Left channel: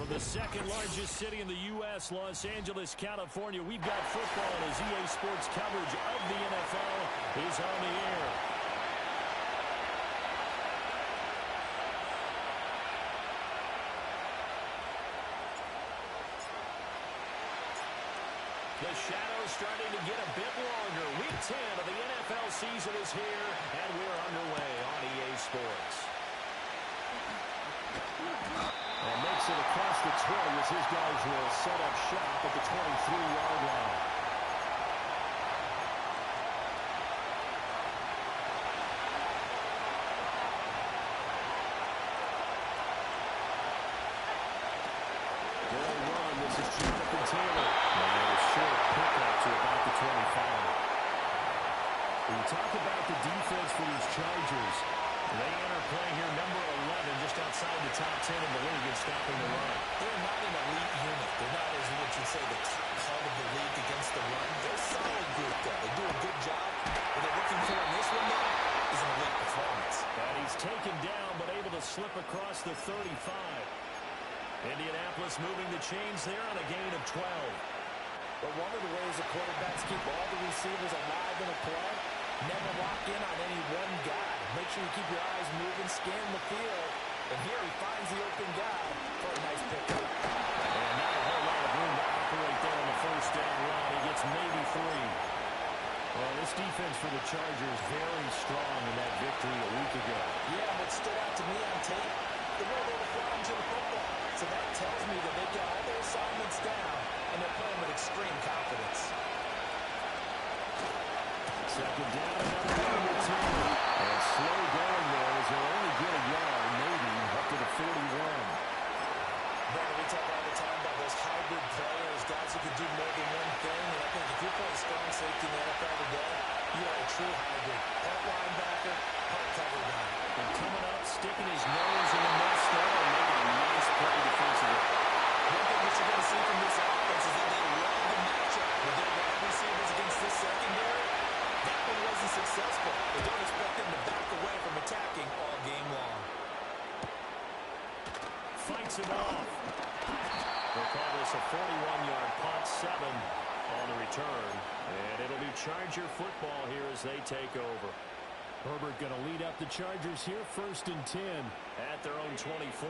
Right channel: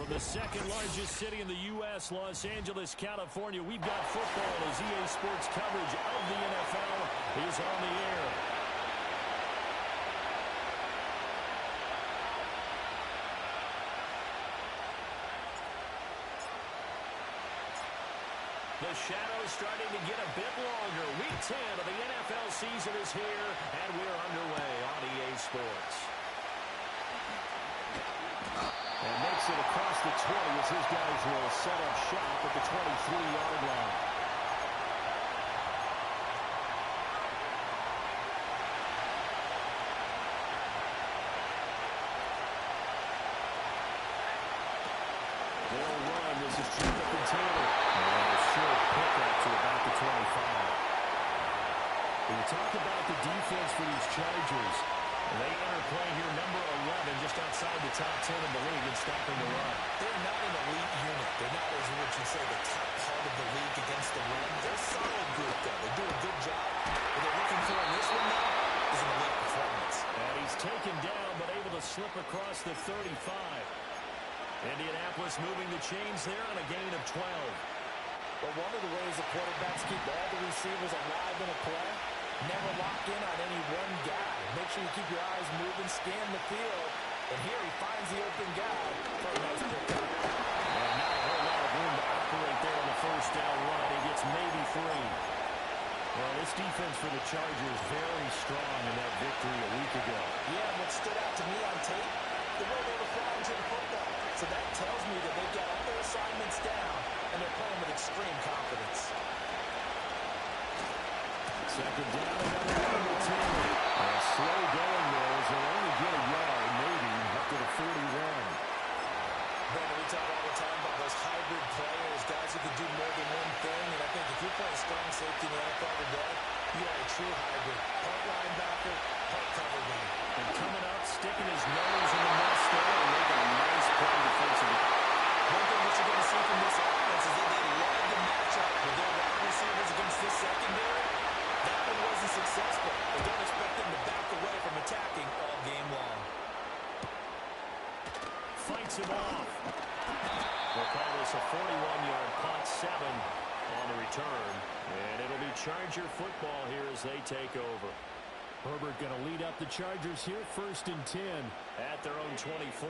From the second largest city in the U.S., Los Angeles, California, we've got football as EA Sports coverage of the NFL is on the air. The shadow's starting to get a bit longer. Week 10 of the NFL season is here, and we're underway on EA Sports. And makes it across the 20 as his guys will set up shop at the 23-yard line. They'll run. This is Jonathan Taylor. And a short pickup to about the 25. When you talk about the defense for these Chargers, they enter play here, number 11, just outside the top 10 in the league in stopping the run. They're not an elite unit. They're not, as what you'd say, the top part of the league against the run. They're a solid group, though. They do a good job. What they're looking for in this one, though, is an elite performance. And he's taken down, but able to slip across the 35. Indianapolis moving the chains there on a gain of 12. But one of the ways the quarterbacks keep all the receivers alive in a play, never lock in on any one guy. Make sure you keep your eyes moving, scan the field. And here he finds the open guy for a nice pickup. And not a whole lot of room to operate there on the first down run. He gets maybe 3. Well, this defense for the Chargers very strong in that victory a week ago. Yeah, what stood out to me on tape, the way they were flying to the football. So that tells me that they've got all their assignments down, and they're playing with extreme confidence. Second down, another one to Taylor. And slow going there as he'll only get a yard, maybe, up to the 41. Brandon, we talk all the time about those hybrid players, guys who can do more than one thing. And I think if you're playing strong safety in the NFL today, you are a true hybrid. Part linebacker, part cover guy. And coming up, sticking his nose in the mess there and making a nice play defensively. One thing that you're going to see from this offense is that they love the matchup with their wide receivers against this secondary. That one wasn't successful, but don't expect them to back away from attacking all game long. Fights him off. We'll call this a 41-yard punt, 7 on the return. And it'll be Charger football here as they take over. Herbert going to lead up the Chargers here, 1st and 10 at their own 24.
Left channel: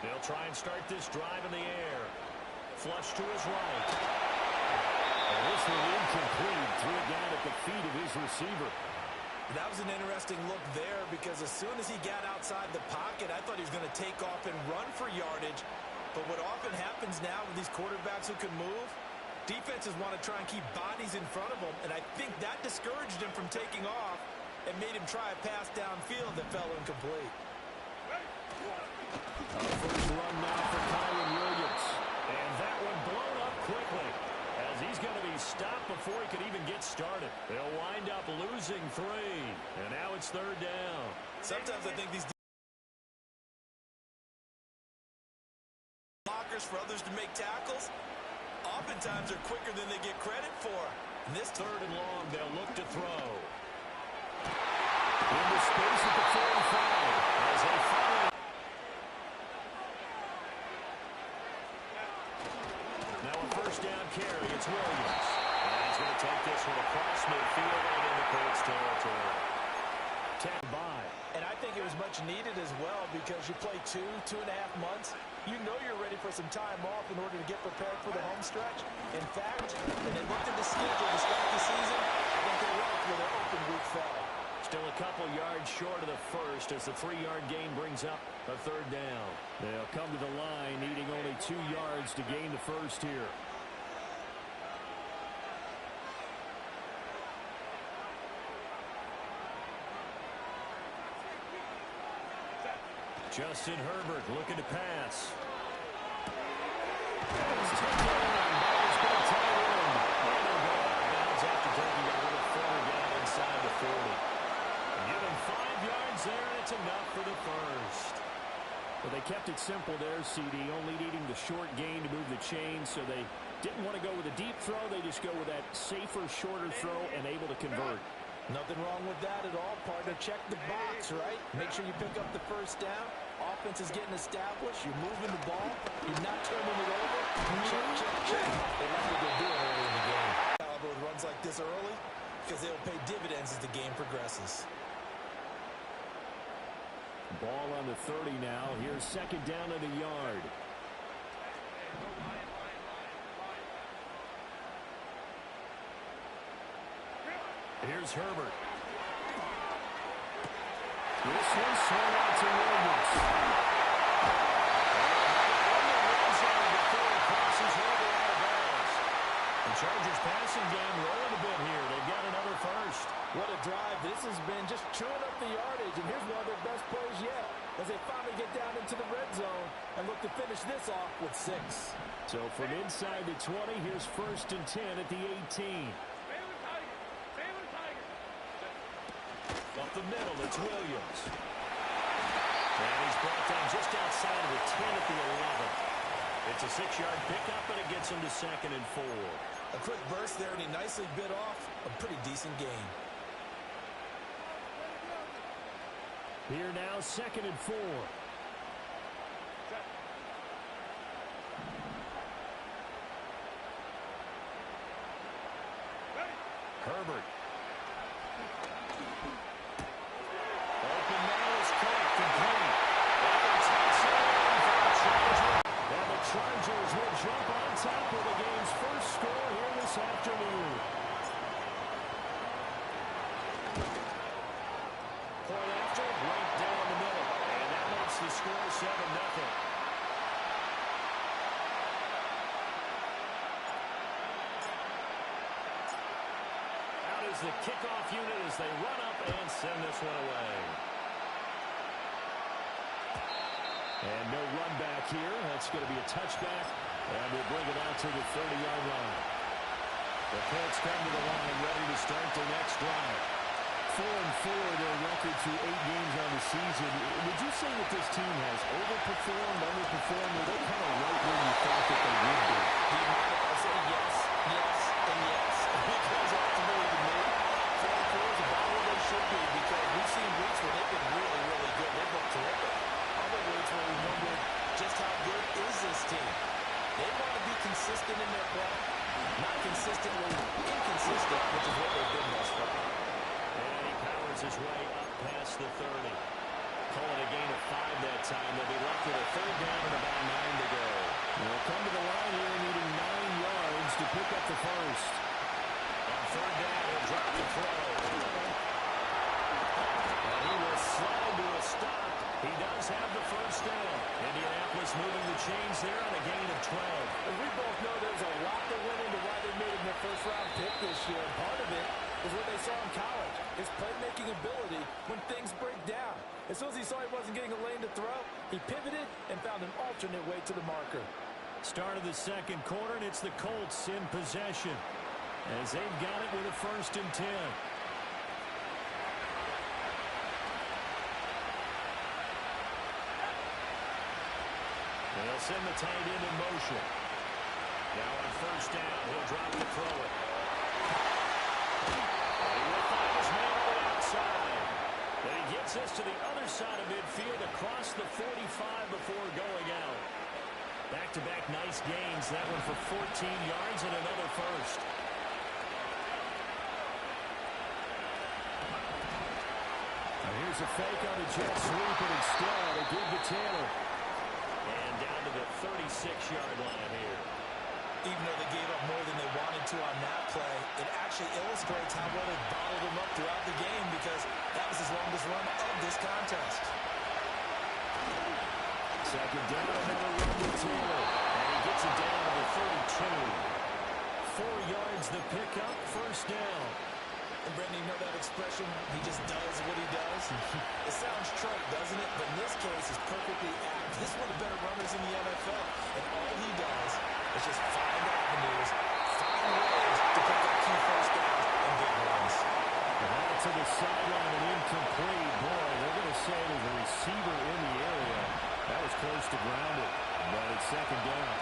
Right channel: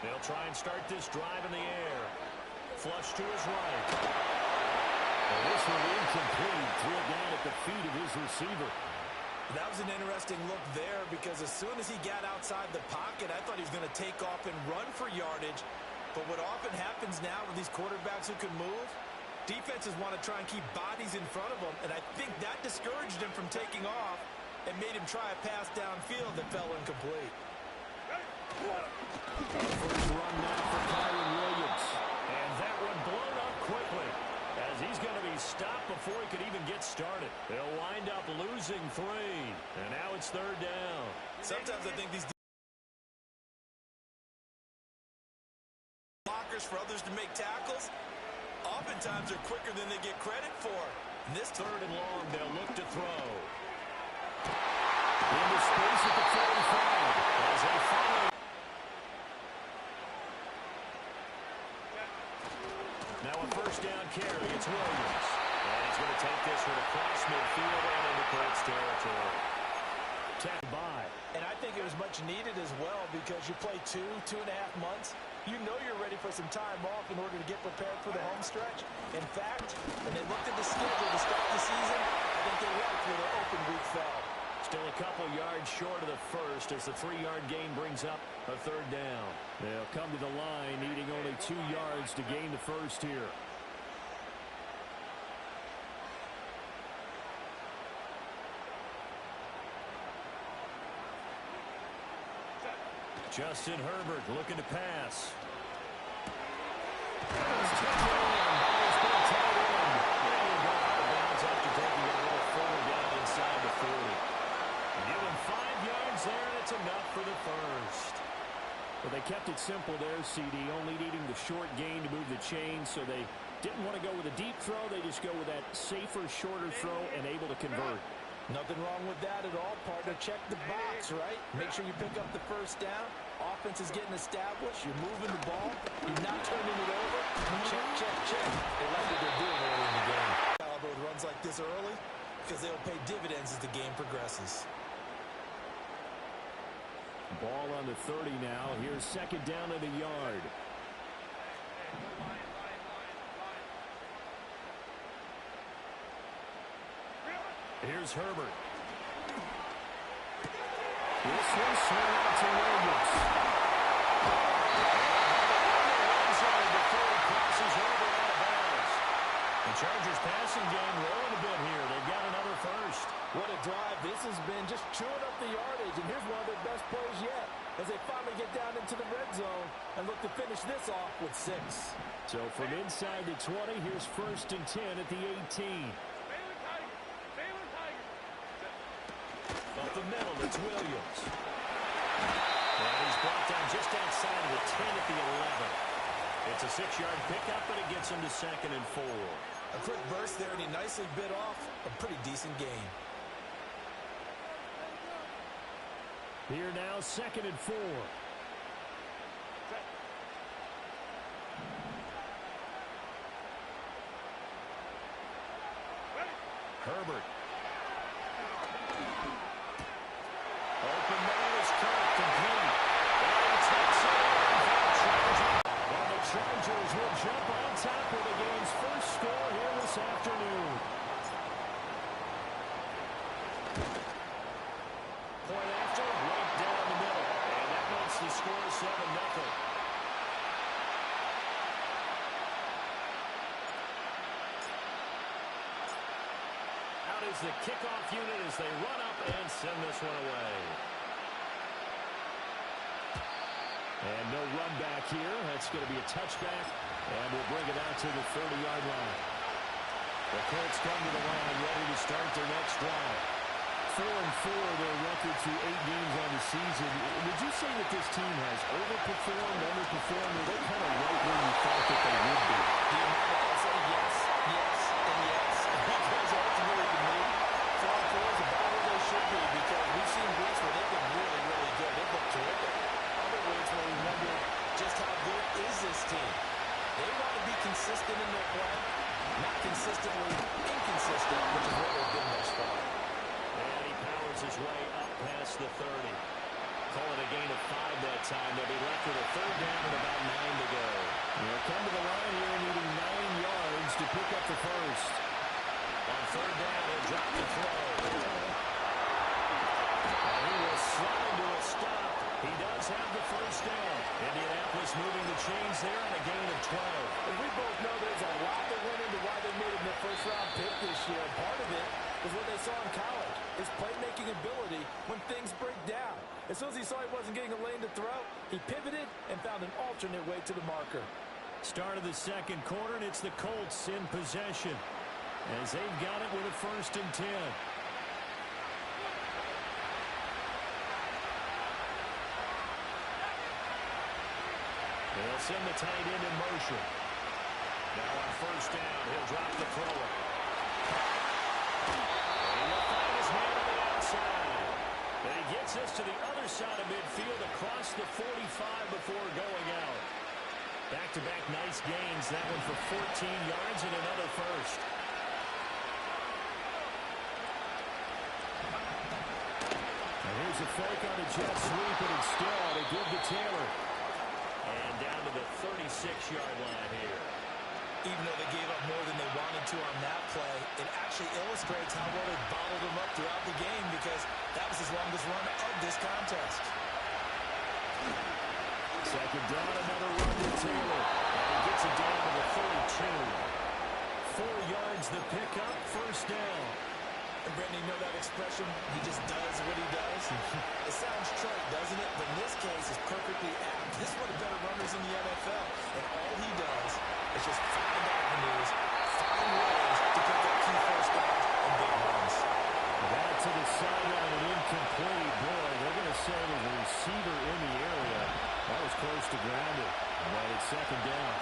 They'll try and start this drive in the air. Flush to his right. And this one incomplete. Threw it down at the feet of his receiver. That was an interesting look there because as soon as he got outside the pocket, I thought he was going to take off and run for yardage. But what often happens now with these quarterbacks who can move, defenses want to try and keep bodies in front of them. And I think that discouraged him from taking off and made him try a pass downfield that fell incomplete. First run now for Kyron Williams. And that one blown up quickly as he's going to be stopped before he could even get started. They'll wind up losing 3. And now it's 3rd down. Sometimes I think these blockers for others to make tackles, oftentimes are quicker than they get credit for. And this 3rd and long, they'll look to throw. Into space at the 45 as they follow. Now a first down carry, it's Williams. And he's going to take this one across midfield and into Colts territory. Tap by. And I think it was much needed as well because you play 2.5 months. You know you're ready for some time off in order to get prepared for the home stretch. In fact, when they looked at the schedule to start the season, I think they liked where their open week fell. Still a couple yards short of the first as the 3-yard gain brings up a 3rd down. They'll come to the line needing only 2 yards to gain the first here. Justin Herbert looking to pass. It's taken on by his big tight end. And he'll go out of bounds after taking it a little further down inside the 40. Give him 5 yards there, and it's enough for the first. Well, they kept it simple there, CD, only needing the short gain to move the chains, so they didn't want to go with a deep throw. They just go with that safer, shorter throw and able to convert. Nothing wrong with that at all, partner. Check the box, right? Make sure you pick up the first down. Offense is getting established. You're moving the ball. You're not turning it over. Check, check, check. They like what they're doing early in the game. Caliber with runs like this early because they'll pay dividends as the game progresses. Ball on the 30 now. Here's second down at a yard. Here's Herbert. This one swung out to Williams. Before he crosses over out of bounds. The Chargers passing game rolling a bit here. They've got another first. What a drive. This has been just chewing up the yardage, and here's one of their best plays yet as they finally get down into the red zone and look to finish this off with 6. So from inside the 20, here's first and 10 at the 18. Up the middle, it's Williams. And he's brought down just outside of the 10 at the 11. It's a 6-yard pickup, but it gets him to second and 4. A quick burst there, and he nicely bit off a pretty decent gain. Here now, second and 4. Herbert. Open man is caught, complete. And he takes it in for the Chargers. And the Chargers will jump on top of the game's first score here this afternoon. Point after, right down the middle. And that makes the score 7-0. Out is the kickoff unit as they run up and send this one away. And no run back here. That's going to be a touchback. And we'll bring it out to the 30-yard line. The Colts come to the line ready to start their next drive. 4-4 their record through 8 games on the season. Would you say that this team has overperformed, underperformed, or they're kind of right where you thought that they would be? Do you mind if I say yes, yes, and yes? Because ultimately to me, 4-4 is about where they should be because we've seen weeks where they've been really, really good. They've looked terrific. Other weeks where we wonder just how good is this team. They want to be consistent in their play, not consistently inconsistent, which is where they've been thus far. And he powers his way up past the 30. Call it a gain of 5 that time. They'll be left with a third down and about 9 to go. They'll come to the line here needing 9 yards to pick up the first. On third down, he'll drop the throw. And he will slide to a stop. He does have the first down. Indianapolis moving the chains there on a gain of 12. And we both know there's a lot that went into why they made him their first-round pick this year. And part of it was what they saw in college, his playmaking ability when things break down. As soon as he saw he wasn't getting a lane to throw, he pivoted and found an alternate way to the marker. Start of the second quarter, and it's the Colts in possession as they've got it with a first and 10. They'll send the tight end in motion. Now on first down, he'll drop the thrower. And he will find his man on the outside. Then he gets this to the other side of midfield across the 45 before going out. Back-to-back nice gains. That one for 14 yards and another first. Now here's a fake on the jet sweep, and instead a give to Taylor. And down to the 36-yard line here. Even though they gave up more than they wanted to on that play, it actually illustrates how well they bottled him up throughout the game because that was his longest run of this contest. Second down, another run to Taylor. And he gets it down to the 32. 4 yards the pickup, first down. And Brandon, you know that expression? He just does what he does. It sounds trite, doesn't it? But in this case, it's perfectly apt. This is one of the better runners in the NFL. And all he does is just find avenues, find ways to pick up key first downs and big runs. That to the sideline and incomplete. Boy, they're going to say there's a receiver in the area. That was close to grounded, but it's second down.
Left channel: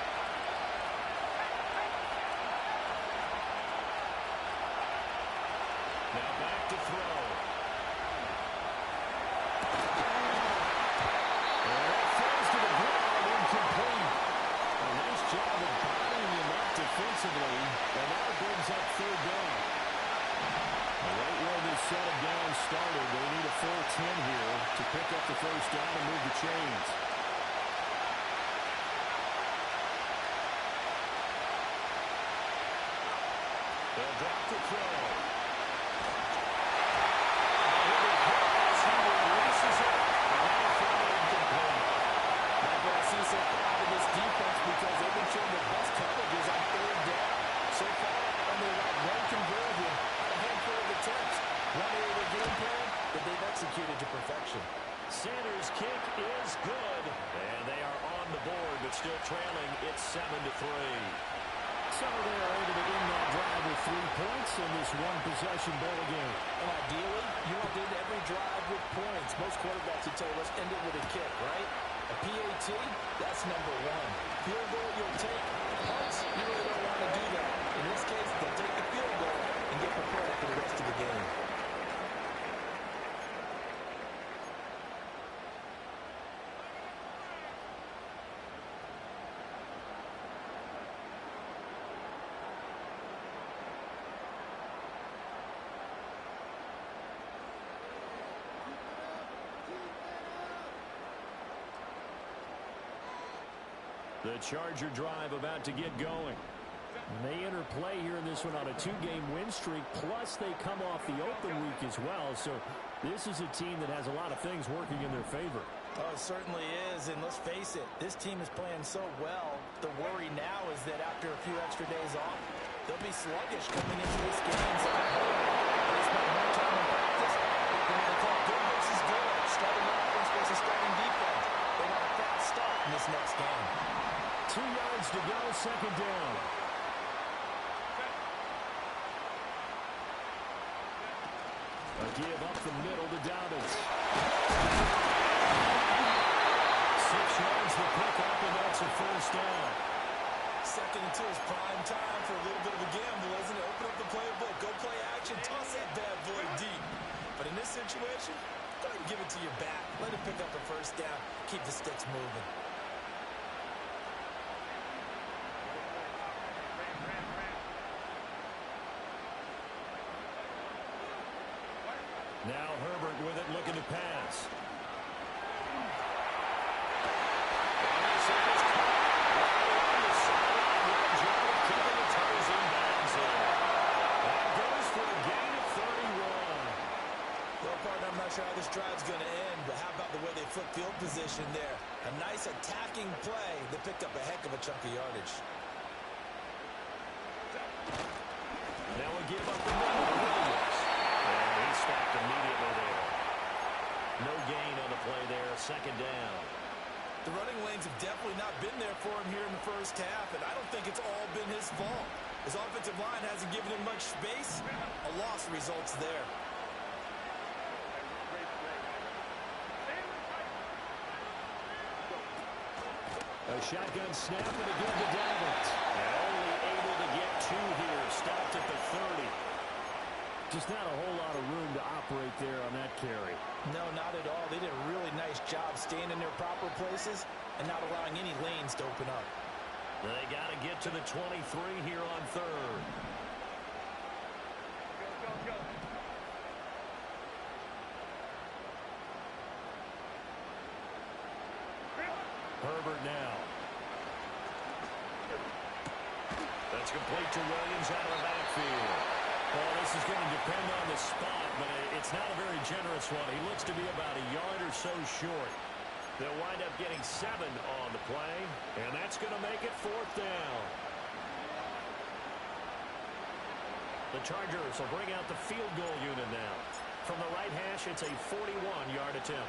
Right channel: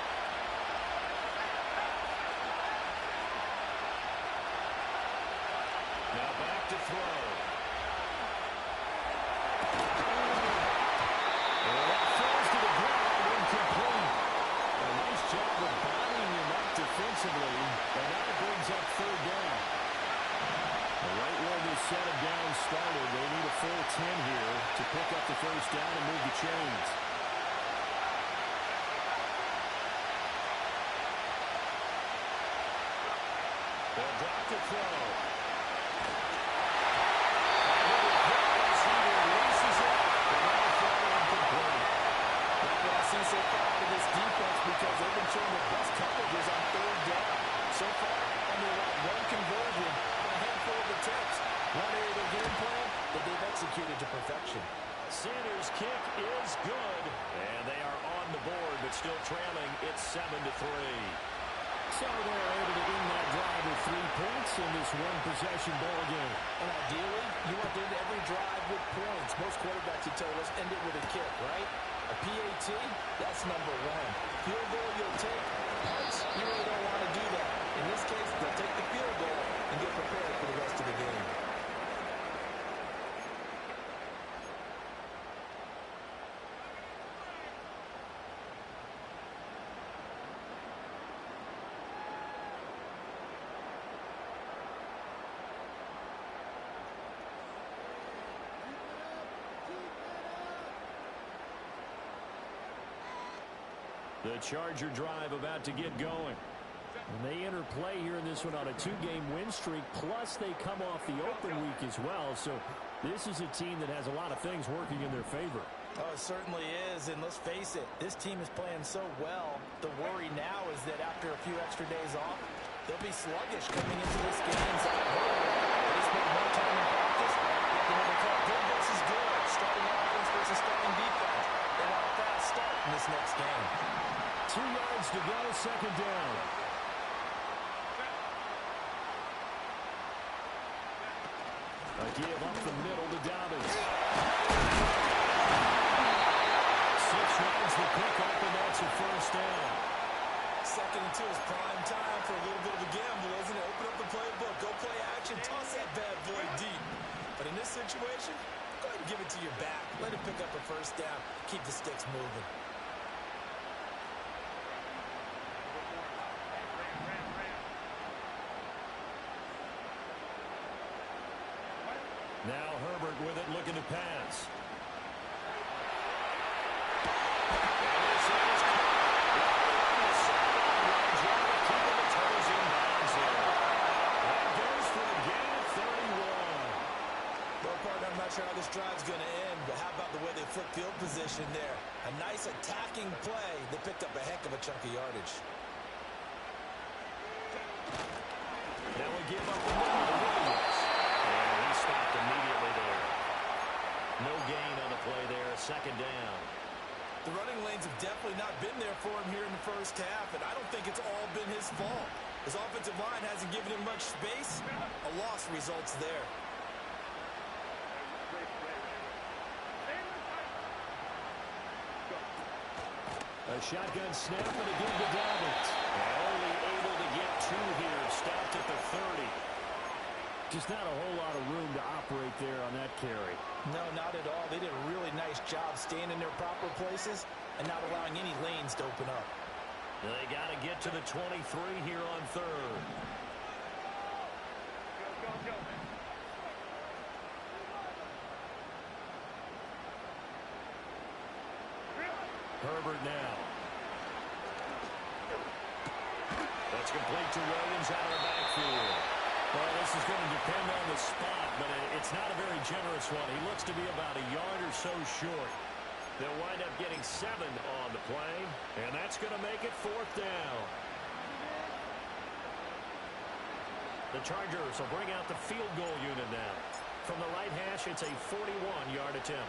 Now back to throw. That falls to the ground, incomplete. A nice job of bodying him up defensively, and now it brings up third down. Right where this set of downs started, they need a full 10 here to pick up the first down and move the chains. They'll drop the throw. And with a hit as he releases it, and now throw incomplete. Like what I see so far out of this defense, because they've been showing their best coverages on third down. So far, only allowed one conversion on a handful of attempts. One area of their game plan that they've executed to perfection. Sanders' kick is good, and they are on the board, but still trailing. It's 7-3. So they're able to end that drive with 3 points in this one-possession ball game. And ideally, you want to end every drive with points. Most quarterbacks would tell us end it with a kick, right? A PAT, that's number one. Field goal you'll take. Punts, you really don't want to do that. In this case, they'll take the field goal and get prepared for the rest of the game. The Charger drive about to get going. And they enter play here in this one on a 2-game win streak, plus they come off the open week as well. So this is a team that has a lot of things working in their favor. Oh, it certainly is, and let's face it, this team is playing so well. The worry now is that after a few extra days off, they'll be sluggish coming into this game. So I've heard they spent more time in practice looking what they call good versus good, starting offense versus starting defense. They want a fast start in this next game. 2 yards to go, second down. A give up the middle to Dobbins. 6 yards the pickup, and that's a first down. 2nd and 2 is prime time for a little bit of a gamble, isn't it? Open up the playbook, go play action, toss that bad boy deep. But in this situation, go ahead and give it to your back. Let it pick up a first down. Keep the sticks moving. Now Herbert with it, looking to pass. And this is caught right on the sideline. Right job of keeping the toes in bounds there. That goes for a gain of 31. Well, partner, I'm not sure how this drive's going to end, but how about the way they flip field position there? A nice attacking play that picked up a heck of a chunk of yardage. Now we give up the middle to Williams. And he stopped immediately there. No gain on the play there, second down. The running lanes have definitely not been there for him here in the first half, and I don't think it's all been his fault. His offensive line hasn't given him much space. A loss results there. A shotgun snap and a give to Dobbins. And only able to get 2 here. Stopped at the 30. Just not a whole lot of room to operate there on that carry. No, not at all. They did a really nice job staying in their proper places and not allowing any lanes to open up. They got to get to the 23 here on third. Go. Herbert now. That's complete to Williams out of the backfield. Well, this is going to depend on the spot, but it's not a very generous one. He looks to be about a yard or so short. They'll wind up getting 7 on the play, and that's going to make it 4th down. The Chargers will bring out the field goal unit now. From the right hash, it's a 41-yard attempt.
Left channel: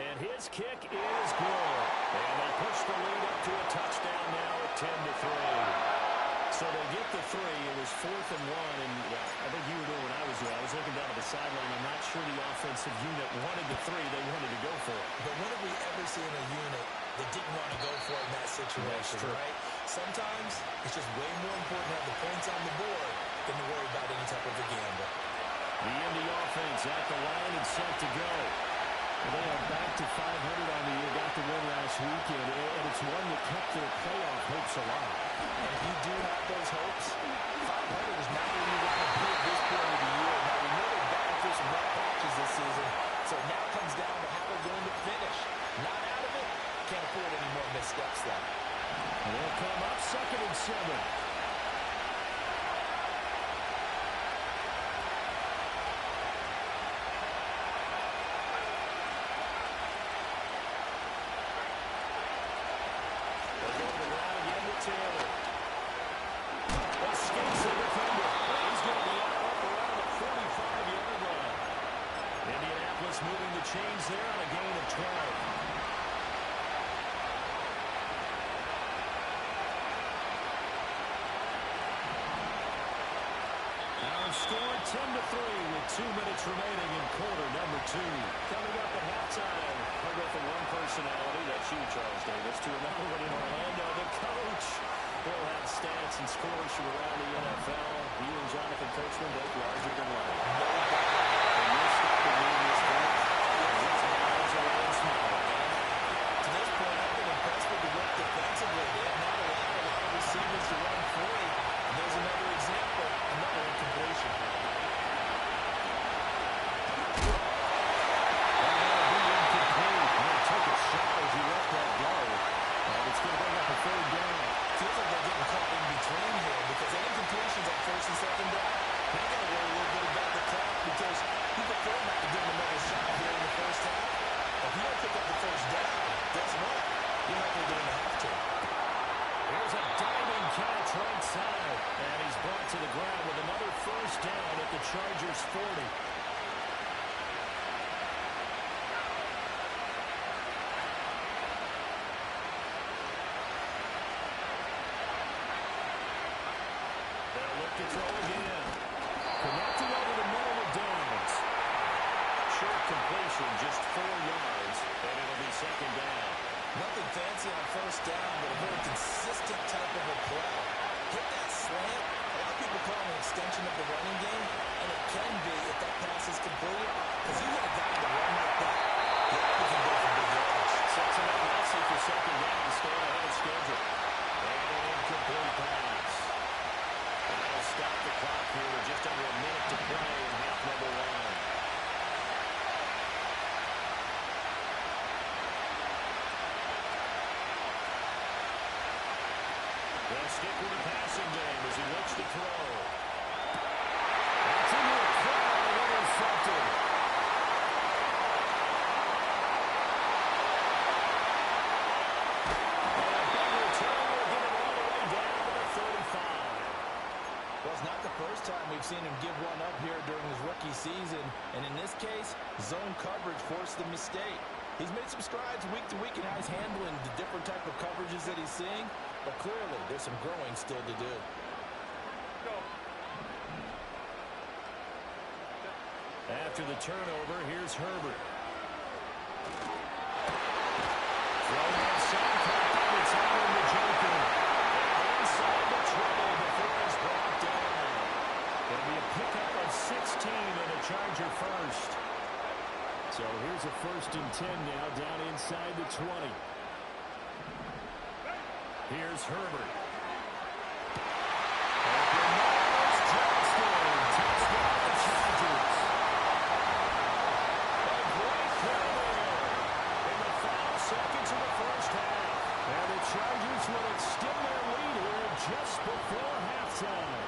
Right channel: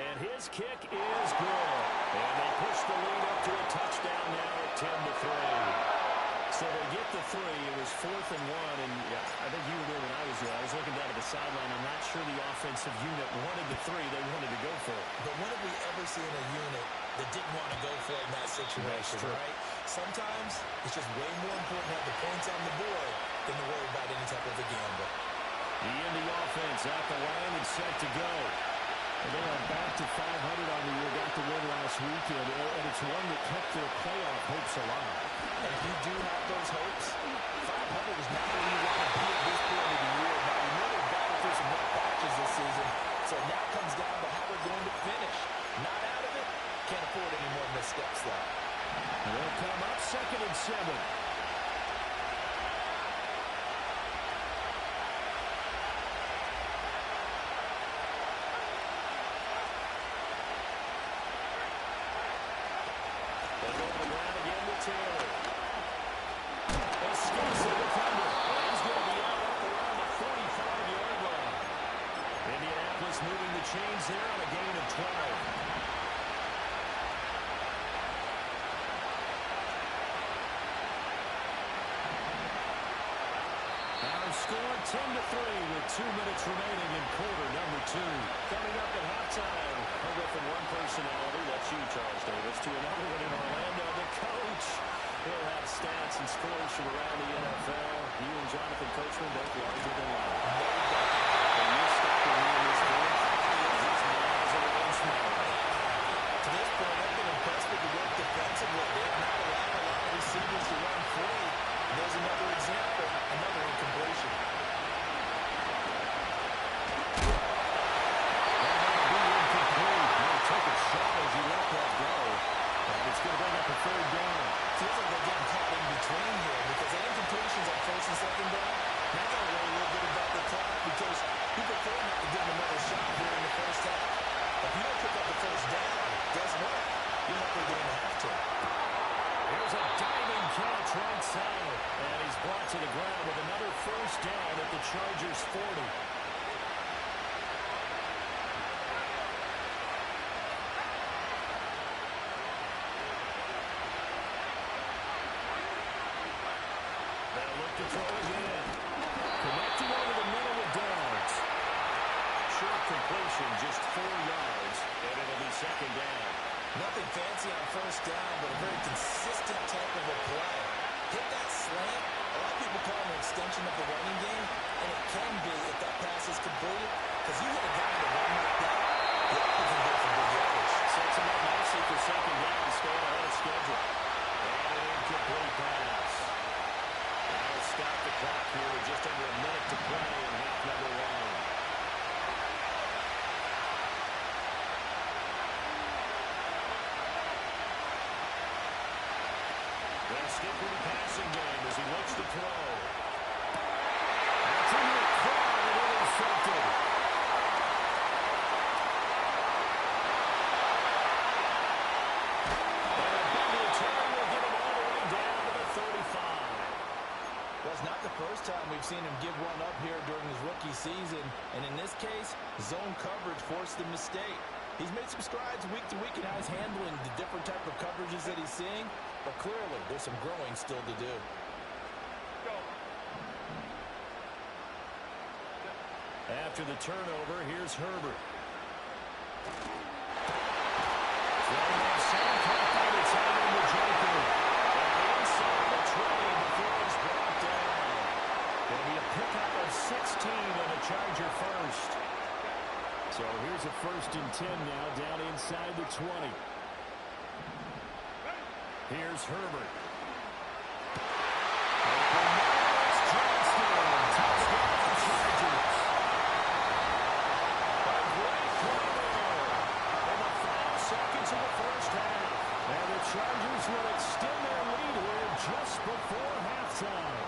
And his kick is good. And they push the lead up to a touchdown now at 10-3. So they get the 3. It was 4th and 1. And I think you were doing what I was doing. I was looking down at the sideline. I'm not sure the offensive unit wanted the 3. They wanted to go for it. But when have we ever seen a unit that didn't want to go for it in that situation, right? Sometimes it's just way more important to have the points on the board than to worry about any type of a gamble. The Indy offense at the line and set to go. Well, they are back to 500 on the year, got the win last weekend, and it's one that kept their playoff hopes alive. And if you do have those hopes, 500 is not where you want to be at this point of the year. Now, we know they've battled through some rough patches this season, so it now comes down to how they're going to finish. Not out of it, can't afford any more missteps, though. And they'll come up 2nd and 7. Taylor escapes the defender. He's going to be out up around the 45-yard line. Indianapolis moving the chains there on a gain of 12. Our score 10-3 with 2 minutes remaining in quarter number 2. Coming up at halftime, I'll go from one personality, that's you, Charles Davis, to another one in Orlando, the coach. He'll have stats and scores from around the NFL. You and Jonathan Coachman, both larger than life. No doubt. And you're stopping me in this booth. He's miles away and smiling. To this point, I've been impressed with the work defensively. They have not allowed a lot of receivers to run free. And there's another example, another incompletion. That'll be incomplete. He took a shot as he let that go. And it's going to bring up a 3rd down. Feels like they're getting caught in between here because they incompletions on 1st and 2nd down. Now you got to worry a little bit about the clock because you prefer not to give them another shot here in the 1st half. If you don't pick up the 1st down, guess what? You're not going to have to. Here's a diving catch right side. And he's brought to the ground with another 1st down at the Chargers' 40. They'll look to throw again. Connecting over the middle with Downs. Short completion, just 4 yards, and it'll be 2nd down. Nothing fancy on 1st down, but a very consistent type of a play. Hit that slant. A lot of people call it an extension of the running game, and it can be if that pass is completed, because you hit a guy to run like that, the other can go for big yardage. Sets him up nicely for 2nd down, staying ahead of schedule. And an incomplete pass. That'll stop the clock here with just under a minute to play in half number 1. They'll stick with the passing game as he looks to throw. That's into a crowd and intercepted. And a big return will get him all the way down to the 35. Well, it's not the first time we've seen him give one up here during his rookie season. And in this case, zone coverage forced the mistake. He's made some strides week to week in how he's handling the different type of coverages that he's seeing. But clearly, there's some growing still to do. After the turnover, here's Herbert. Throw that side, caught by the tight end, the Joker. And inside the 20 before it's brought down. It'll be a pickup of 16 and a Charger 1st. So here's a 1st and 10 now, down inside the 20. Here's Herbert. Open Miles Johnston. Touchdown the Chargers. A great throw there in the final seconds of the 1st half. And the Chargers will extend their lead here just before halftime.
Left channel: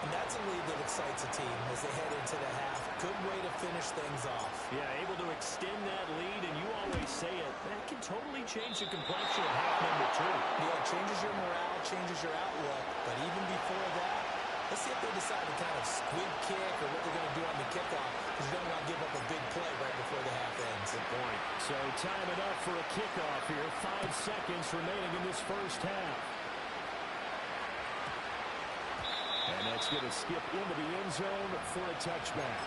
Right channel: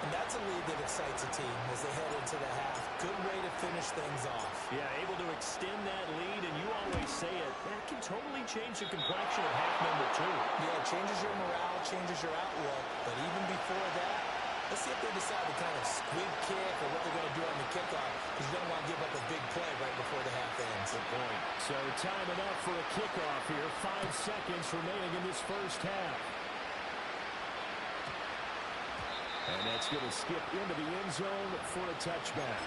And that's a lead that excites a team as they head into the half. Good way to finish things off. Yeah, able to extend that lead, and you always say it, that can totally change the complexion of half number 2. Yeah, it changes your morale, changes your outlook. But even before that, let's see if they decide to kind of squib kick or what they're going to do on the kickoff, because you don't want to give up a big play right before the half ends. Good point. So time it up for a kickoff here. 5 seconds remaining in this 1st half. And that's going to skip into the end zone for a touchback.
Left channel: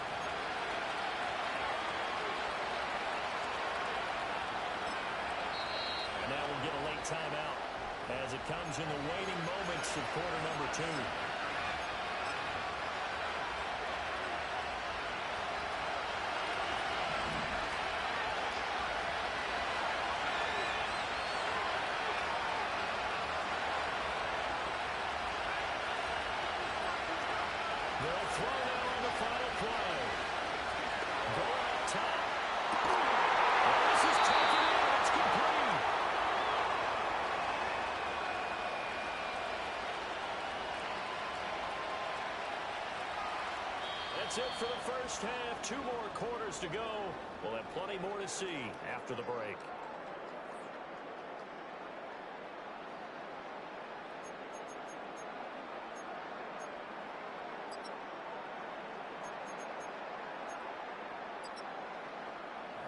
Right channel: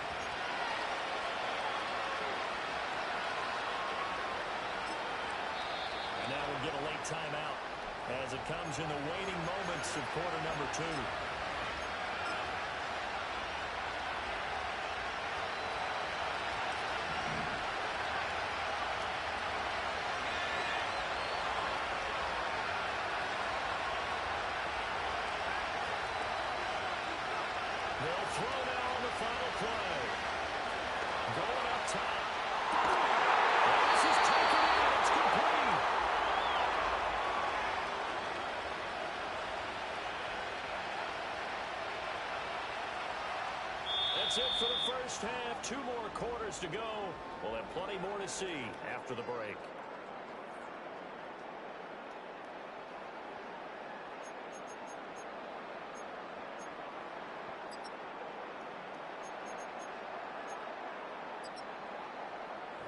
And now we'll get a late timeout as it comes in the waning moments of quarter number 2. throw now on the final play. Going up top. And this is taken in. It's complete. That's it for the first half. 2 more quarters to go. We'll have plenty more to see after the break.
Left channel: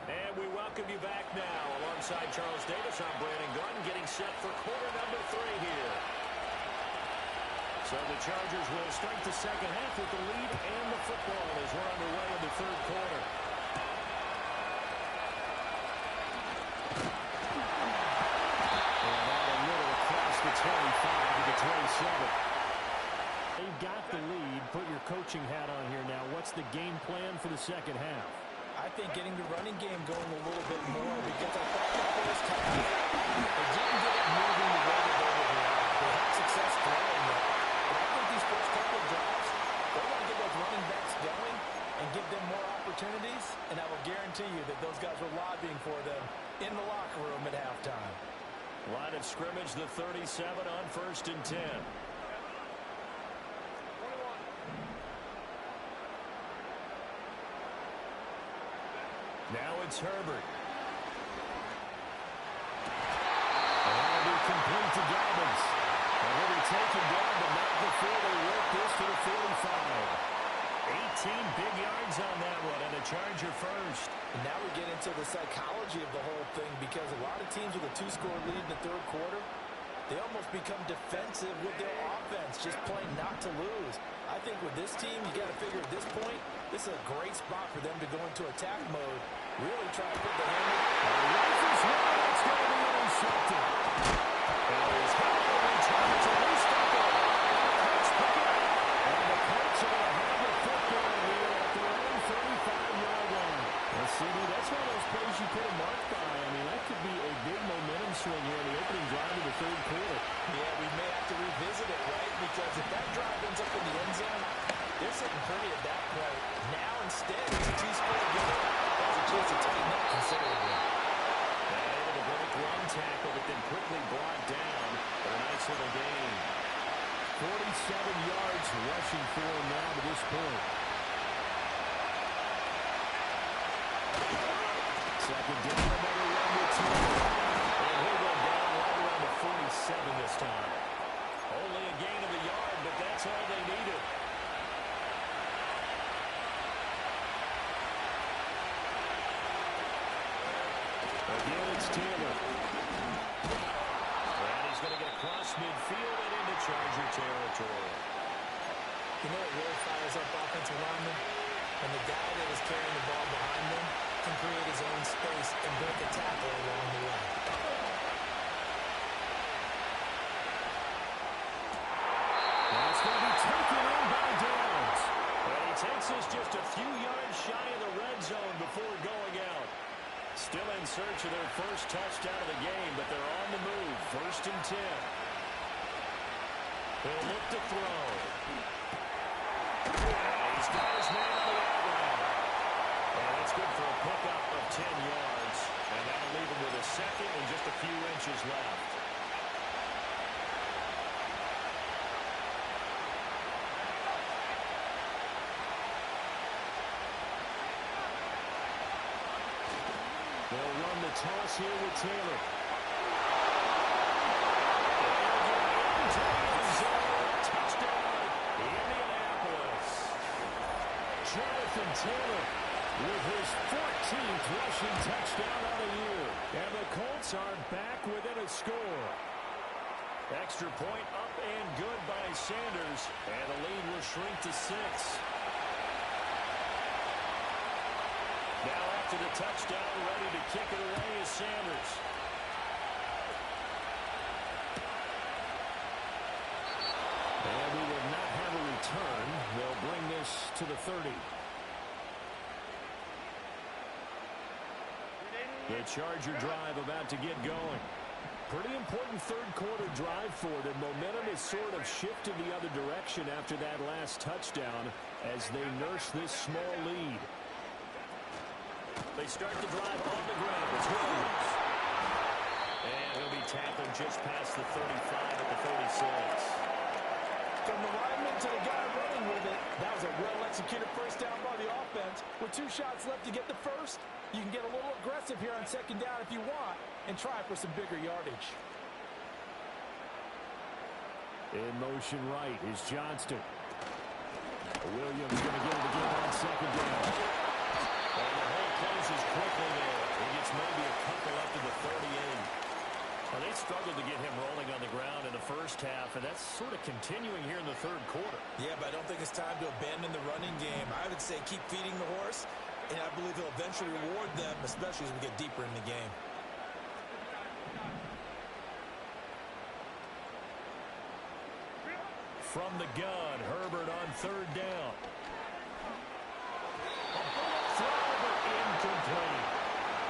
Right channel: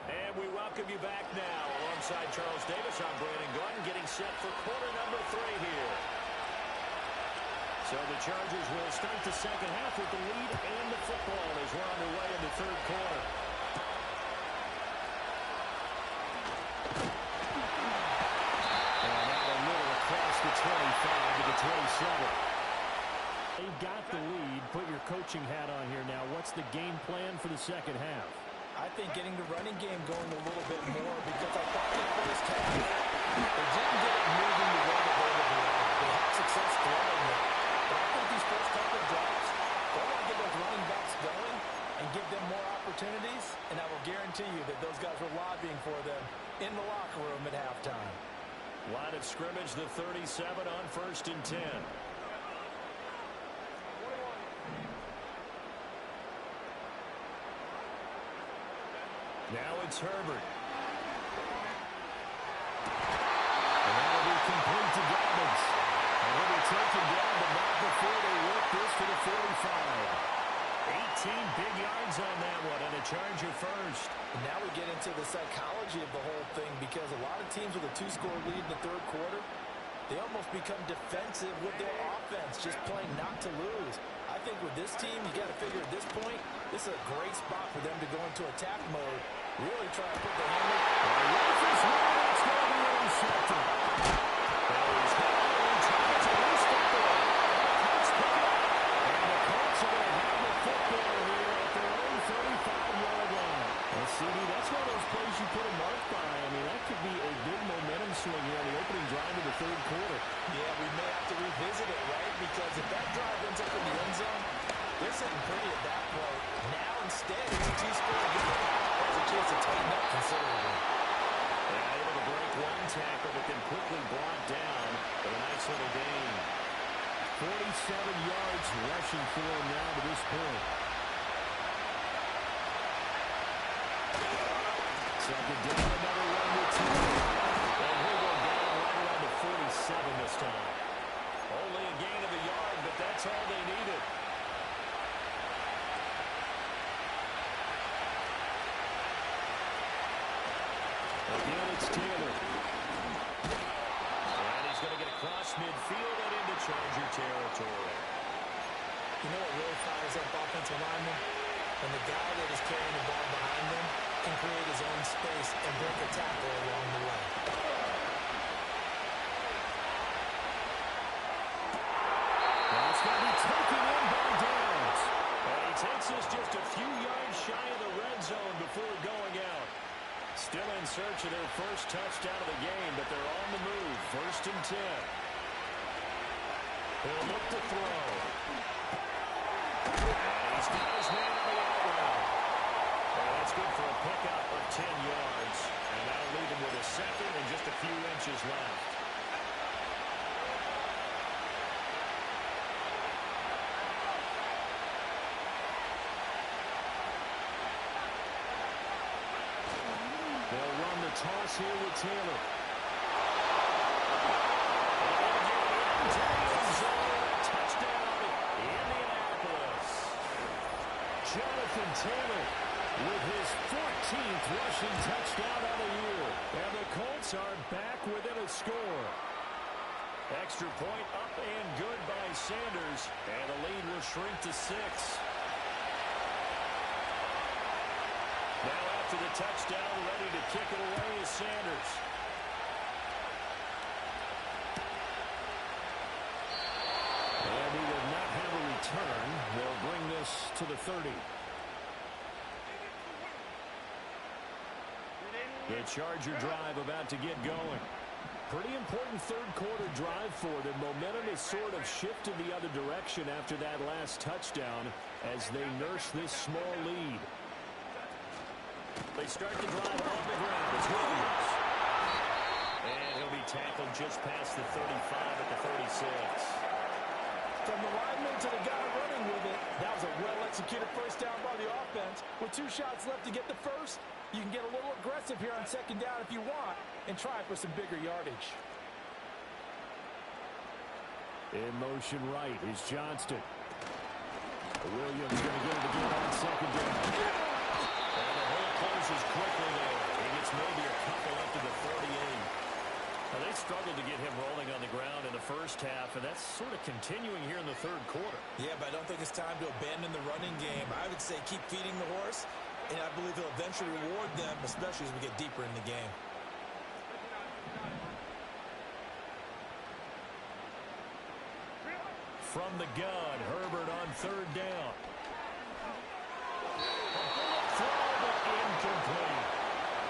And we welcome you back now. Alongside Charles Davis, I'm Brandon Gunn, getting set for quarter number 3 here. So the Chargers will start the second half with the lead and the football as we're underway in the third quarter. And out a little across the 25 to the 27. They've got the lead. Put your coaching hat on here now. What's the game plan for the second half? I think getting the running game going a little bit more, because I thought the first half they didn't get it moving the way that they would like. They had success throwing it. But I think these first couple of drives, they want to get those running backs going and give them more opportunities, and I will guarantee you that those guys were lobbying for them in the locker room at halftime. Line of scrimmage, the 37 on 1st and 10. Now it's Herbert. And that'll be complete to Dobbins. And he'll be taken down, but not before they work this to the 45. 18 big yards on that one, and a Charger first. And now we get into the psychology of the whole thing, because a lot of teams with a 2-score lead in the third quarter, they almost become defensive with their offense, just playing not to lose. I think with this team, you got to figure at this point, this is a great spot for them to go into attack mode, really try to put the hammer. Rifles one, it's going to be intercepted. Well, he's held and returns a loose football. And the Colts pick it up. And the Colts are going to have the football here at their own 35-yard line. Well, CD, that's one of those plays you put a mark by. I mean, that could be a big momentum swing here on the opening drive of the third quarter. Yeah, we may have to revisit it, right? Because if that drive ends up in the end zone, they're sitting pretty at that point. Now, instead, it's a 2-score game. Has a chance to tighten up considerably. And able to break one tackle, but then quickly brought down for a nice little gain. 47 yards rushing for him now to this point. Second down, another run with 2. And he'll go down right around to 47 this time. Only a gain of a yard, but that's all they needed. Again, it's Taylor. And he's going to get across midfield and into Charger territory. You know what really fires up offensive linemen? When the guy that is carrying the ball behind them can create his own space and break a tackle along the way. Well, it's going to be taken in by Downs. And he takes us just a few yards shy of the red zone before going out. Still in search of their first touchdown of the game, but they're on the move. 1st and 10. He'll look to throw. And he's got his man on the out route. And that's good for a pickup of 10 yards. And that'll leave him with a second and just a few inches left. They'll run the toss here with Taylor. And he'll get into the end zone. Touchdown, Indianapolis. Jonathan Taylor with his 14th rushing touchdown on the year. And the Colts are back within a score. Extra point up and good by Sanders. And the lead will shrink to 6. Now after the touchdown, ready to kick it away is Sanders. And we will not have a return. They'll bring this to the 30. The Charger drive about to get going. Pretty important third quarter drive for them. Momentum has sort of shifted the other direction after that last touchdown. as they nurse this small lead. They start the drive on the ground. It's Williams. And he'll be tackled just past the 35 at the 36. From the lineman to the guy running with it, that was a well-executed first down by the offense. With 2 shots left to get the first, you can get a little aggressive here on second down if you want and try for some bigger yardage. In motion right is Johnston. Williams going to get it again on second down. And the hole closes quickly there. He gets maybe a couple up to the 38. Now, they struggled to get him rolling on the ground in the first half, and that's sort of continuing here in the third quarter. Yeah, but I don't think it's time to abandon the running game. I would say keep feeding the horse, and I believe he'll eventually reward them, especially as we get deeper in the game. From the gun, Herbert on third down. A bullet throw, but incomplete.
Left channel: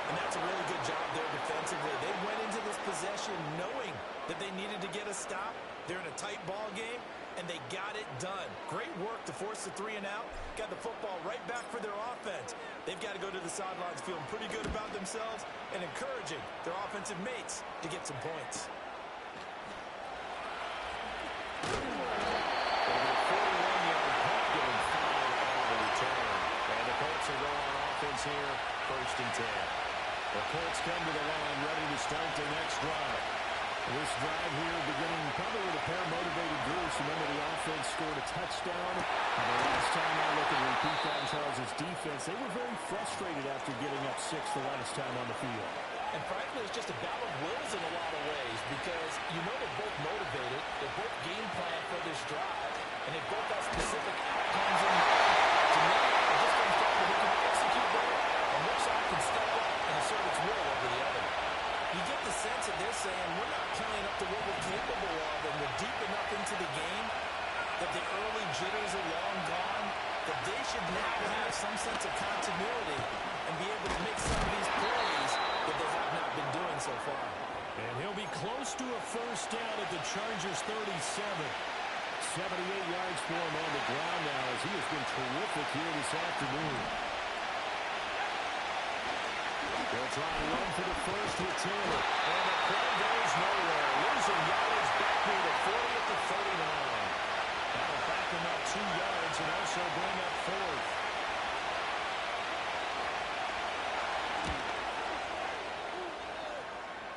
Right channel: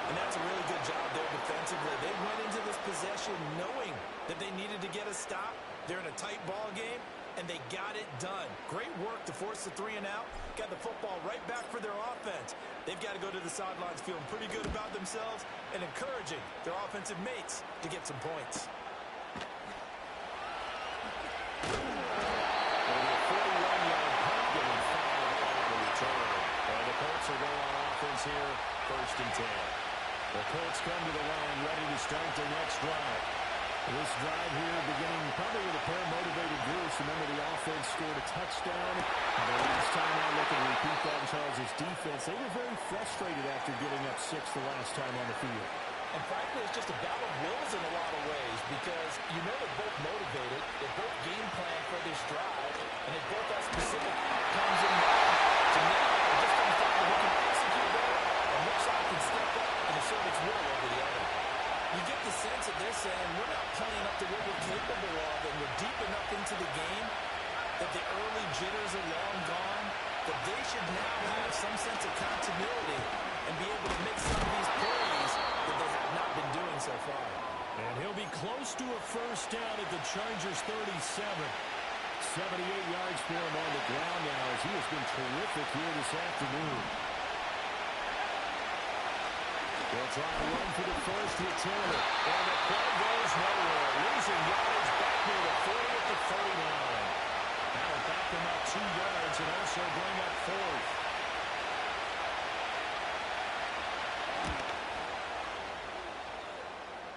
And that's a really good job there defensively. They went into this possession knowing that they needed to get a stop. They're in a tight ball game, and they got it done. Great work to force the 3 and out. Got the football right back for their offense. They've got to go to the sidelines feeling pretty good about themselves and encouraging their offensive mates to get some points. It'll be a 41-yard punt, giving 5 on the return. And the Colts will go on offense here, 1st and 10. The Colts come to the line ready to start their next drive. This drive here beginning probably with a pair of motivated groups. Remember, the offense scored a touchdown. And the last time I look and repeat that in Charles' defense, they were very frustrated after getting up 6 the last time on the field. And frankly, it's just a battle of wills in a lot of ways because you know they're both motivated, they both game plan for this drive, and they both have specific outcomes in mind. To me, it just comes down to who can execute better and which side can step up and assert its will over the other. You get the sense that they're saying we're not playing up to what we're capable of, and we're deep enough into the game that the early jitters are long gone, that they should now have some sense of continuity and be able to make some of these plays that they have not been doing so far. And he'll be close to a first down at the Chargers' 37. 78 yards for him on the ground now as he has been terrific here this afternoon. They'll try to run for the first with Taylor. And the play goes nowhere. Losing yardage back near the 40 at the 39. That'll back them up 2 yards and also bring up 4th.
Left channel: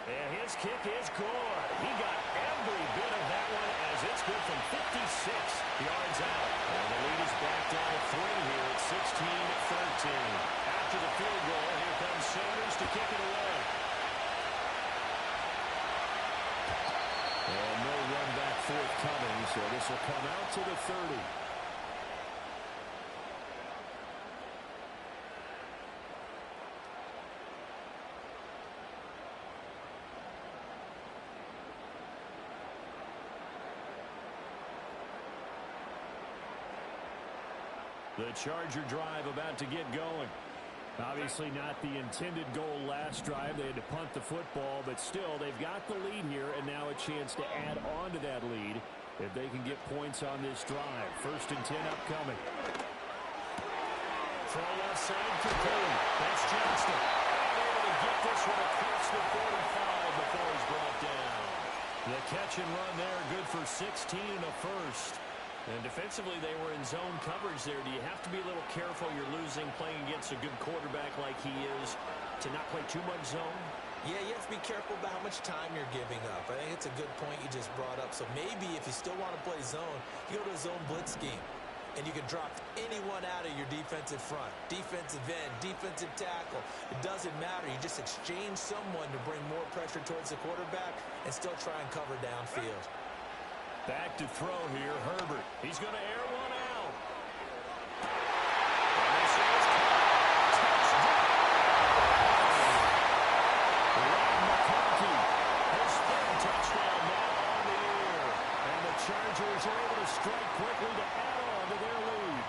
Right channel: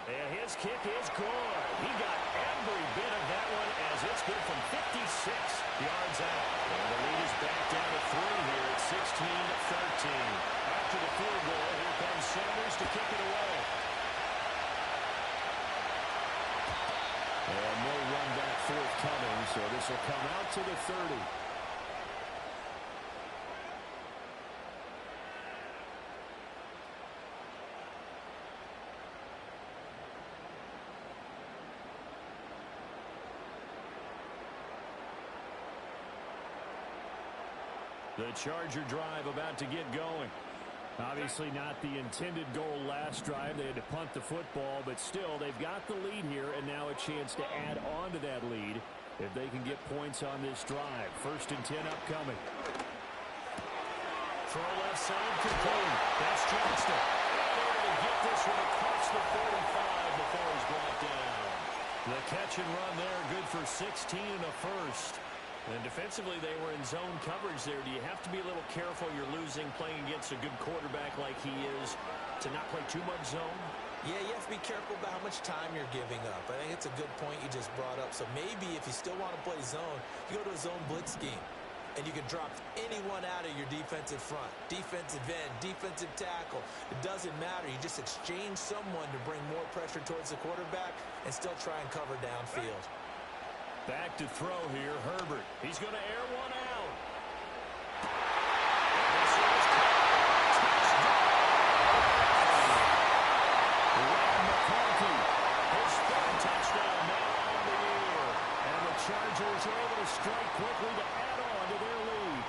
And his kick is good. He got every bit of that one as it's good from 56 yards out. And the lead is back down to 3 here at 16-13. After the field goal, here comes Sanders to kick it away. And no run back forthcoming, so this will come out to the 30. The Charger drive about to get going. Obviously not the intended goal last drive. They had to punt the football, but still they've got the lead here and now a chance to add on to that lead if they can get points on this drive. 1st and 10 upcoming. Throw left side complete. That's Johnston. And able to get this one across the 45 before he's brought down. The catch and run there, good for 16 and a first. And defensively, they were in zone coverage there. Do you have to be a little careful? You're losing playing against a good quarterback like he is to not play too much zone? Yeah, you have to be careful about how much time you're giving up. I think it's a good point you just brought up. So maybe if you still want to play zone, you go to a zone blitz scheme. And you can drop anyone out of your defensive front. Defensive end, defensive tackle. It doesn't matter. You just exchange someone to bring more pressure towards the quarterback and still try and cover downfield. Back to throw here, Herbert. He's going to air one out. And this is touchdown. Ryan McConkey, his 3rd touchdown now on the year. And the Chargers are able to strike quickly to add on to their lead.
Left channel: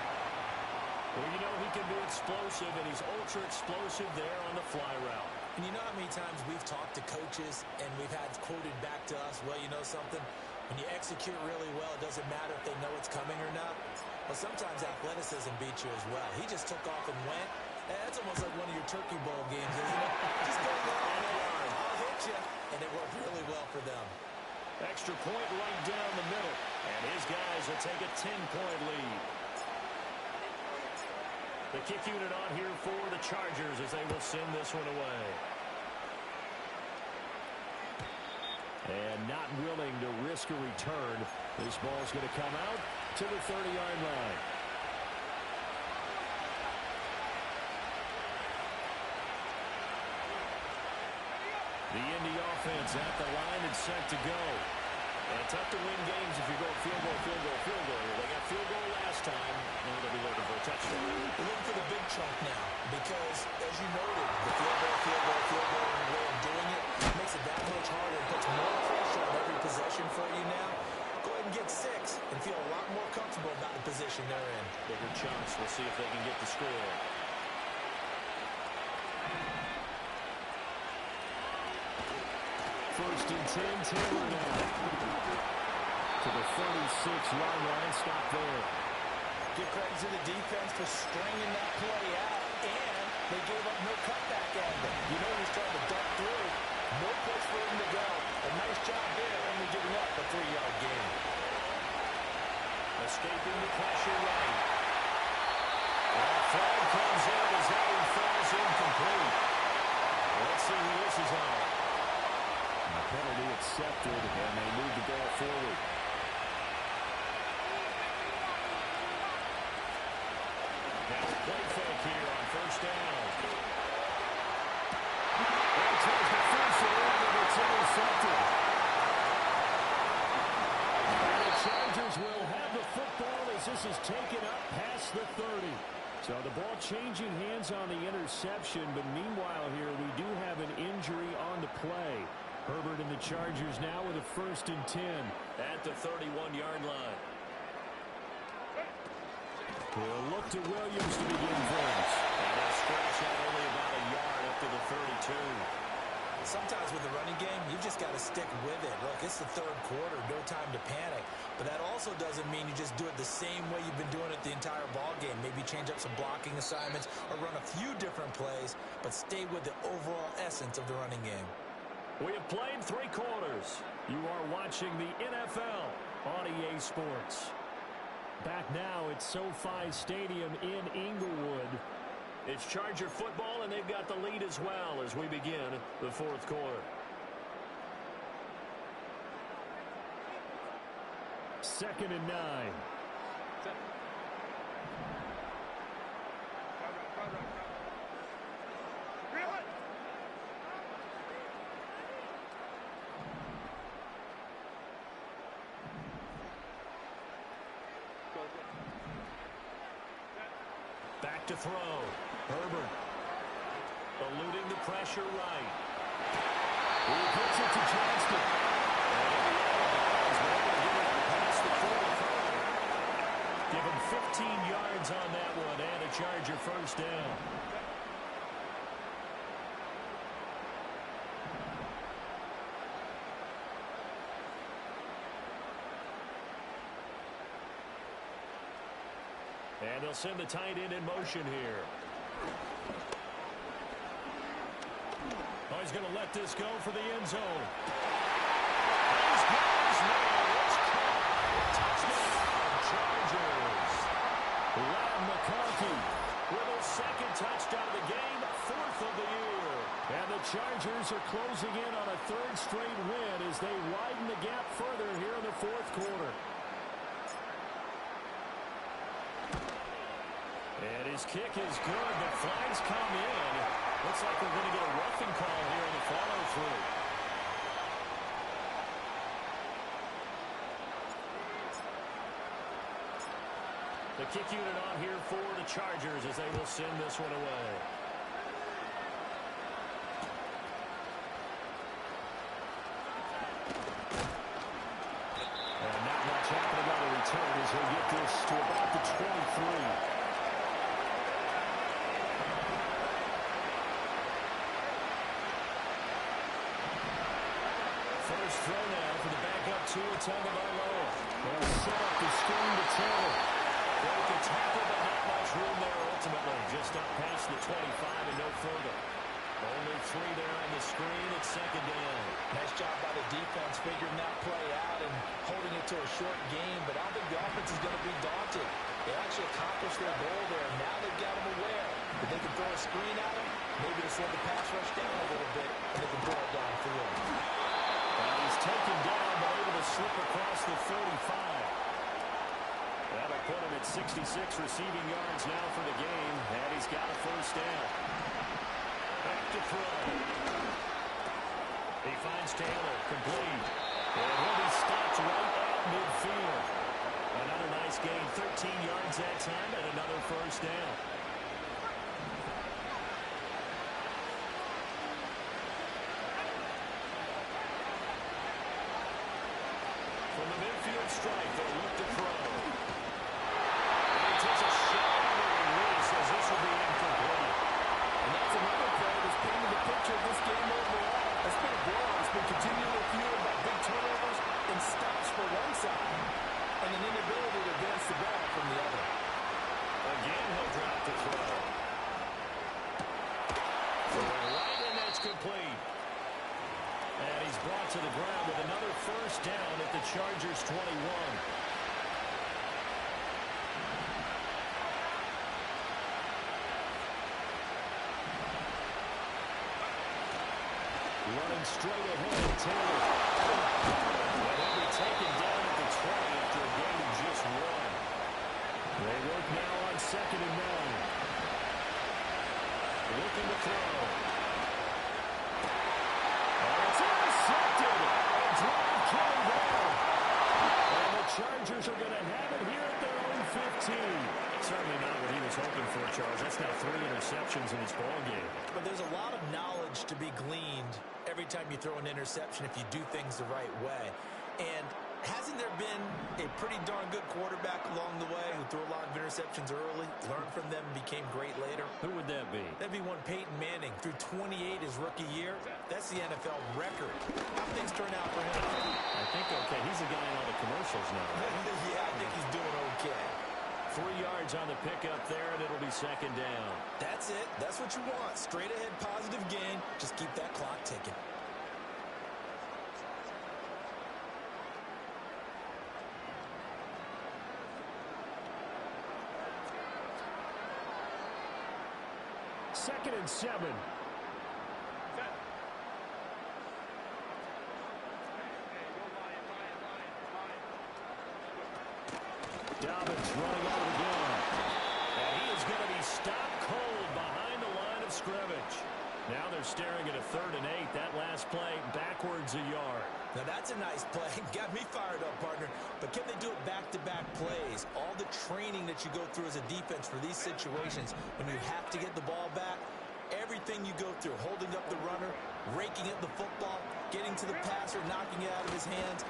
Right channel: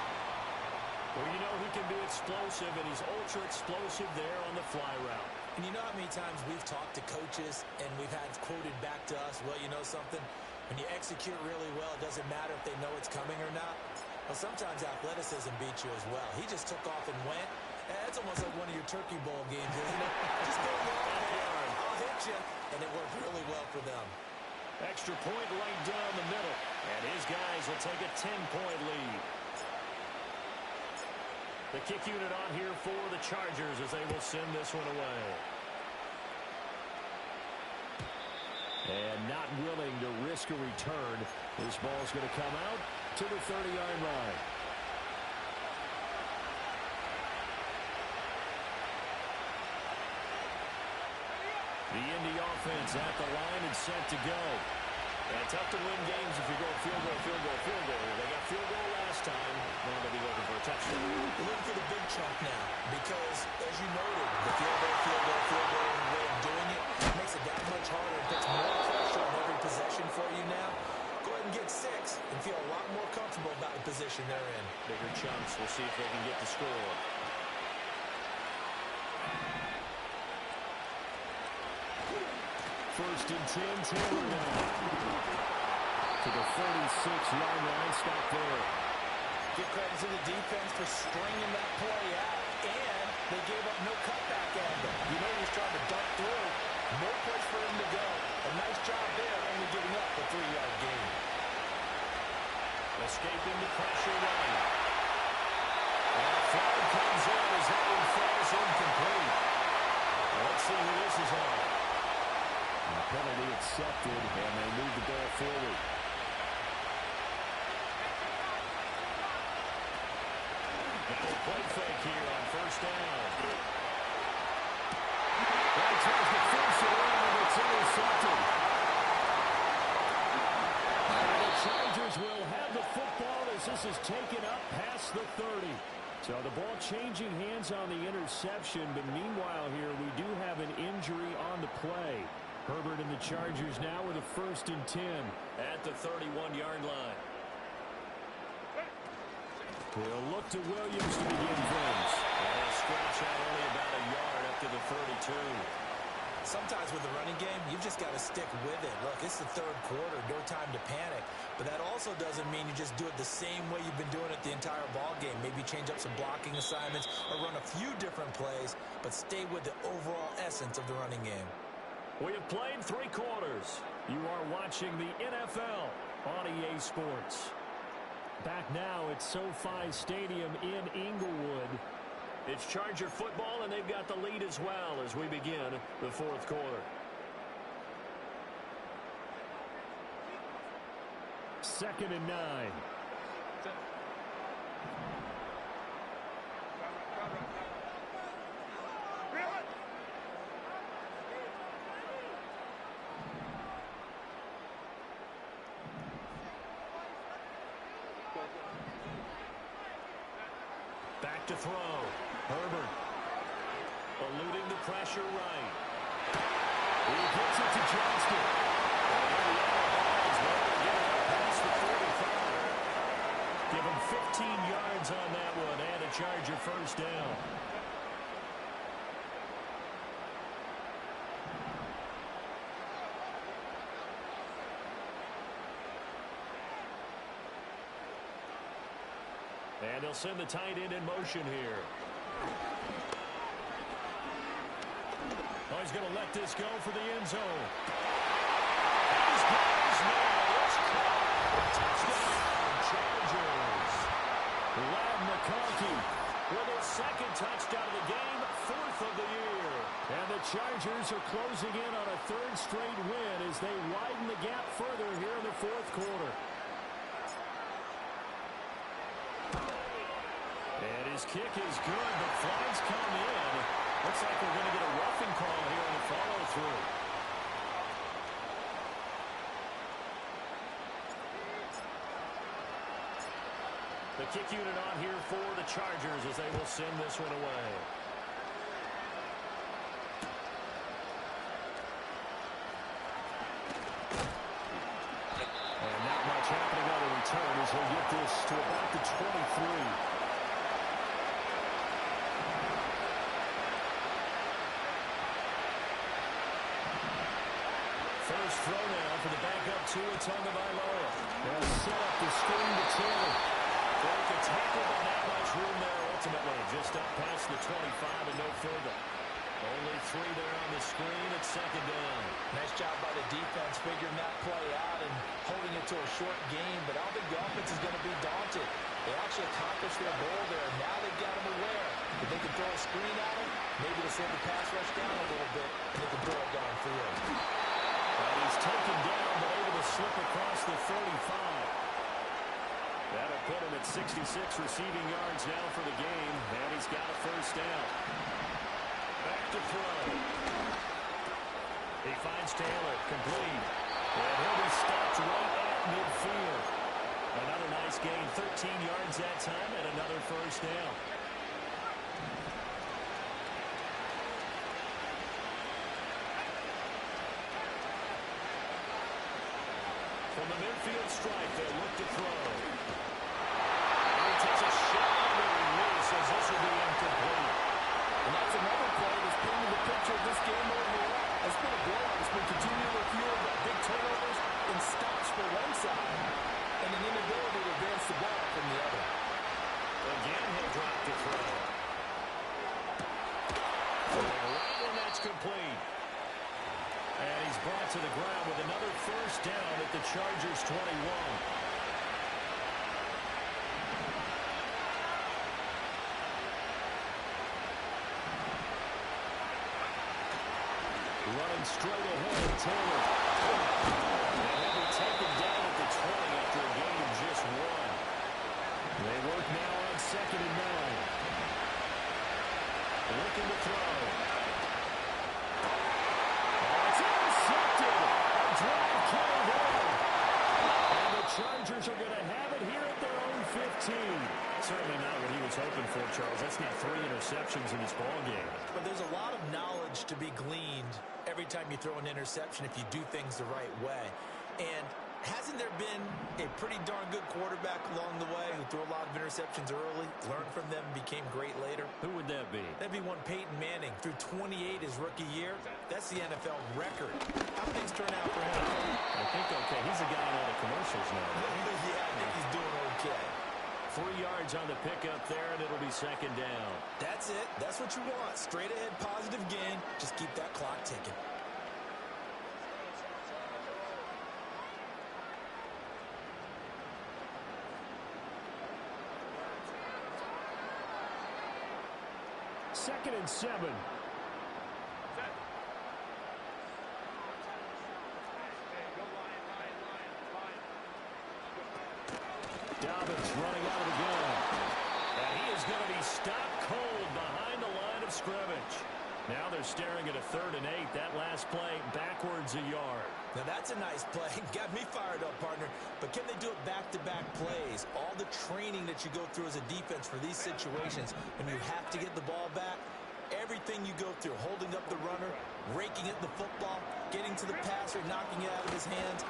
Well, you know he can be explosive, and he's ultra explosive there on the fly route. And you know how many times we've talked to coaches and we've had quoted back to us, well, you know something? When you execute really well, it doesn't matter if they know it's coming or not. Well, sometimes athleticism beats you as well. He just took off and went. That's almost like one of your Turkey Bowl games, isn't it? Just go long, man. I'll hit you. And it worked really well for them. Extra point right down the middle. And his guys will take a 10-point lead. The kick unit on here for the Chargers as they will send this one away. And not willing to risk a return. This ball's going to come out to the 30-yard line. The Indy offense at the line and set to go. And tough to win games if you're going field goal, field goal, field goal here. They got field goal last time. Now they'll be looking for a touchdown. They're looking for the big chunk now because, as you noted, the field goal way of doing it makes it that much harder. It puts more pressure on every possession for you now. Go ahead and get 6 and feel a lot more comfortable about the position they're in. Bigger chunks. We'll see if they can get the score. First and 10, Taylor now. To the 36-yard line, stop there. Give credit to the defense for stringing that play out, and they gave up no cutback angle. You know he was trying to dunk through. No place for him to go. A nice job there, only giving up a 3-yard gain. Escaping the pressure right. And a flag comes in as that one falls incomplete. Let's see who this is on. The penalty accepted, and they move the ball forward. Now a play fake here on first down. Well, tries to force it in, and it's intercepted. And the Chargers will have the football as this is taken up past the 30. So the ball changing hands on the interception, but meanwhile here we do have an injury on the play. Herbert and the Chargers now with a first and 10 at the 31-yard line. He'll look to Williams to begin things. And he'll scratch out only about a yard up to the 32. Sometimes with the running game, you've just got to stick with it. Look, it's the third quarter, no time to panic. But that also doesn't mean you just do it the same way you've been doing it the entire ball game. Maybe change up some blocking assignments or run a few different plays, but stay with the overall essence of the running game. We have played 3 quarters. You are watching the NFL on EA Sports. Back now at SoFi Stadium in Inglewood. It's Charger football, and they've got the lead as well as we begin the fourth quarter. Second and 9. Back to throw. Herbert eluding the pressure right. He gets it to Johnston. And in the out of bounds, they're able to get it up past the 45. Give him 15 yards on that one and a Charger first down. And they'll send the tight end in motion here. Oh, he's going to let this go for the end zone. And he's got his man. It's caught. Touchdown, Chargers. Lad McConkey with his second touchdown of the game, 4th of the year. And the Chargers are closing in on a 3rd straight win as they widen the gap further here in the fourth quarter. And his kick is good, but flags come in. Looks like we're going to get a roughing call here on the follow-through. The kick unit on here for the Chargers as they will send this one away. And not much happening on the return as he'll get this to about the 23. First throw now for the backup Tua Tagovailoa. They'll set up the screen to Taylor. Broke a tackle, but not much room there ultimately. Just up past the 25 and no further. Only 3 there on the screen. It's second down. Nice job by the defense figuring that play out and holding it to a short game, but I don't think the offense is going to be daunted. They actually accomplished their goal there. Now they've got them aware that they can throw a screen at them, maybe to slow the pass rush down a little bit, and they can throw it downfield. And he's taken down, but able to slip across the 35. That'll put him at 66 receiving yards now for the game, and he's got a first down. Back to throw. He finds Taylor, complete. And he'll be stopped right at midfield. Another nice gain, 13 yards that time, and another first down. From the midfield strike, they'll look to throw. And he takes a shot on the release as this will be incomplete. And that's another play that's painted the picture of this game overall. It's been a blowout. It's been continually fueled by big turnovers and stops for one side and an inability to advance the ball from the other. Again, he'll drop to throw. Throwing right, and that's complete. And he's brought to the ground with another first down at the Chargers' 21. Running straight ahead, Taylor. And he'll be taken down at the 20 after a gain of just 1. They work now on 2nd and 9. Looking to throw. Oh, it's intercepted. A drive killer there. And the Chargers are going to have it here at their own 15. Certainly not what he was hoping for, Charles. That's now 3 interceptions in this ball game. But there's a lot of knowledge to be gleaned every time you throw an interception if you do things the right way. And hasn't there been a pretty darn good quarterback along the way who threw a lot of interceptions early, learned from them, and became great later? Who would that be? That'd be one Peyton Manning. Threw 28 his rookie year. That's the NFL record. How things turn out for him? I think okay. He's a guy in all the commercials now, right? Yeah, I think he's doing okay. 3 yards on the pickup there, and it'll be second down. That's it. That's what you want. Straight ahead, positive gain. Just keep that clock ticking. Second and 7. Dobbins running out of the gun. And he is going to be stopped cold behind the line of scrimmage. Now they're staring at a 3rd and 8. That last play backwards a yard. Now that's a nice play. Got me fired up, partner. But can they do it back-to-back plays? All the training that you go through as a defense for these situations when you have to get the ball back, everything you go through, holding up the runner, raking at the football, getting to the passer, knocking it out of his hands,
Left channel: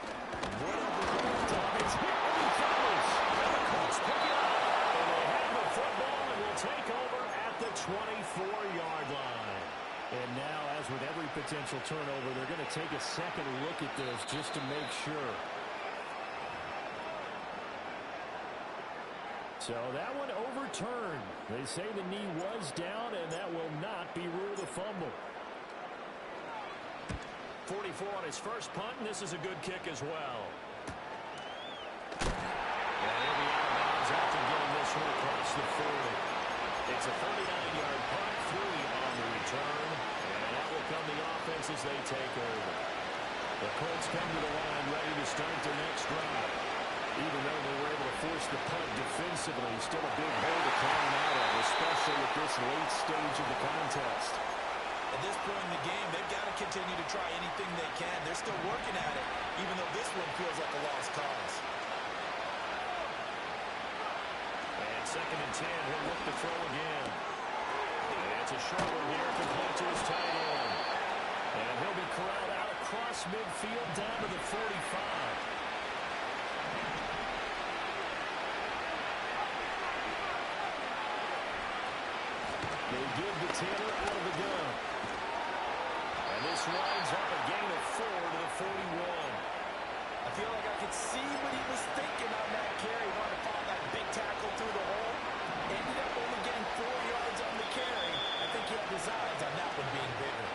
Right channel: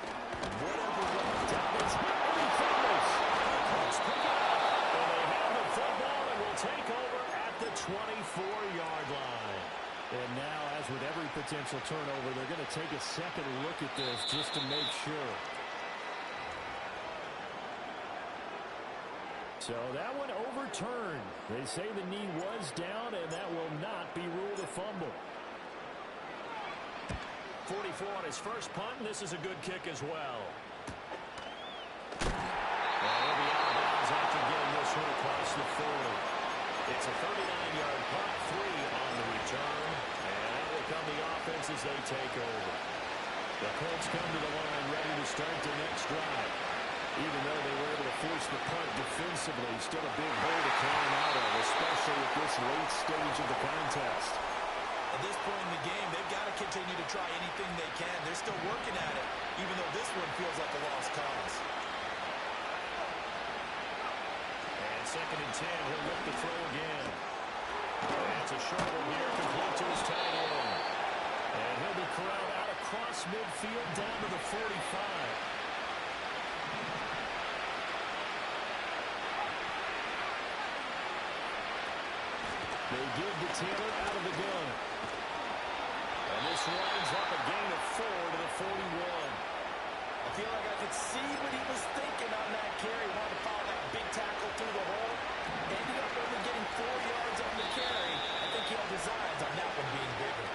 whatever. Dobbins hit and he fumbles. And the Colts pick it up. And they have the football and will take over at the 24-yard line. And now, as with every potential turnover, they're going to take a second look at this just to make sure. So that one overturned. They say the knee was down, and that will not be ruled a fumble. 44 on his first punt, and this is a good kick as well. And he'll be out of bounds after getting this one across the 40. It's a 39-yard punt, 3 on the return, and out will come the offense as they take over. The Colts come to the line ready to start their next drive. Even though they were able to force the punt defensively, still a big hole to climb out of, especially at this late stage of the contest. At this point in the game, they've got to continue to try anything they can. They're still working at it, even though this one feels like a lost cause. And 2nd and 10, he'll look to throw again. And it's a short one here, complete to his tight end. And he'll be corralled out across midfield down to the 45. They give to Taylor out of the gun. And this winds up a gain of 4 to the 41. I feel like I could see what he was thinking on that carry. Wanted to follow that big tackle through the hole. Ended up only getting 4 yards on the carry. I think he had designs on that one being bigger.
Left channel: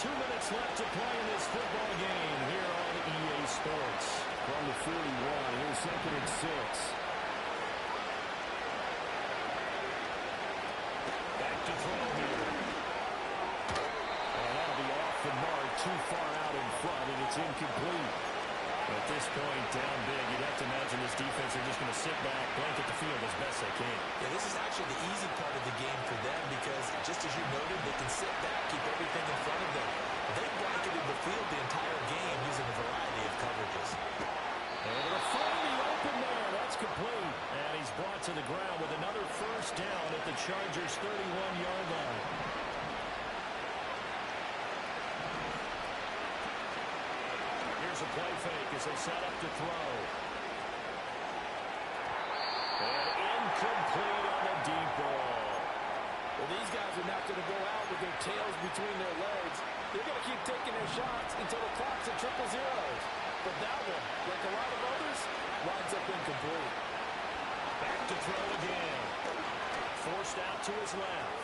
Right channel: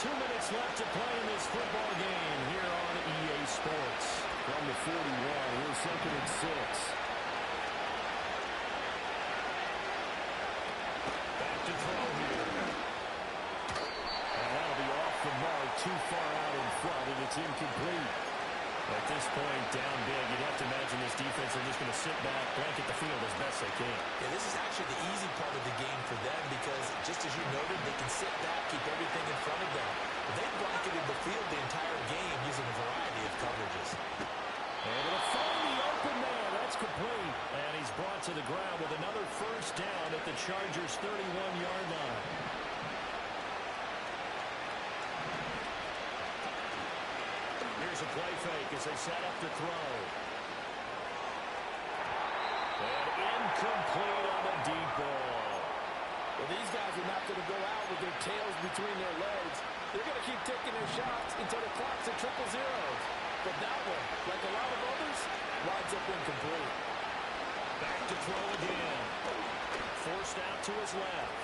2 minutes left to play in this football game here on EA Sports. From the 41, here's 2nd and 6. Back to throw here. And that'll be off the mark, too far out in front, and it's incomplete. At this point, down big, you'd have to imagine this defense are just going to sit back, blanket the field as best they can. Yeah, this is actually the easy part of the game for them because, just as you noted, they can sit back, keep everything in front of them. But they blanketed the field the entire game using a variety of coverages. Able to find the open man. That's complete. And he's brought to the ground with another first down at the Chargers' 31-yard line. Here's a play fake as they set up to throw. And incomplete on the deep ball. Well, these guys are not going to go out with their tails between their legs. They're going to keep taking their shots until the clock's at 000. But that one, like a lot of others, winds up incomplete. Back to throw again. Forced out to his left.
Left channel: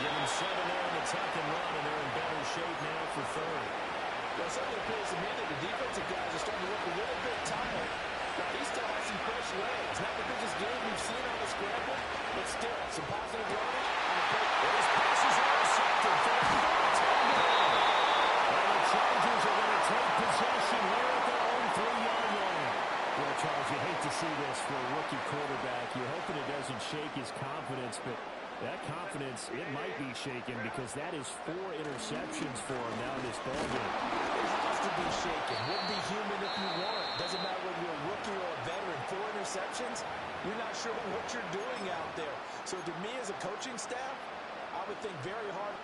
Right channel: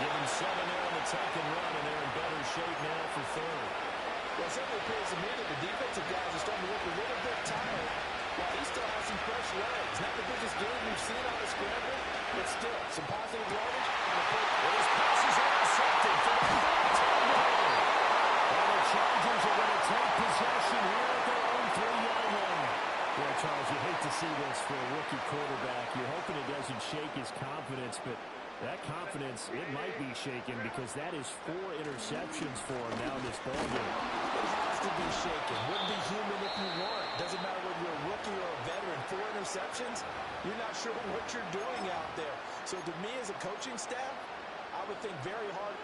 Give him 7 there on the tuck and run, and they're in better shape now for third. Well, it certainly appears to me that the defensive guys are starting to look a little bit tired, while he still has some fresh legs. Not the biggest game we've seen on the scramble, but still, some positive yardage on the play. And his passes are intercepted for the fourth time today. And the Chargers are going to take possession here at their own 3-yard line. Well, Charles, you hate to see this for a rookie quarterback. You're hoping it doesn't shake his confidence, but that confidence, it might be shaken because that is 4 interceptions for him now in this ballgame. It has to be shaken. Wouldn't be human if you weren't. Doesn't matter whether you're a rookie or a veteran. 4 interceptions, you're not sure what you're doing out there. So to me as a coaching staff, I would think very hard.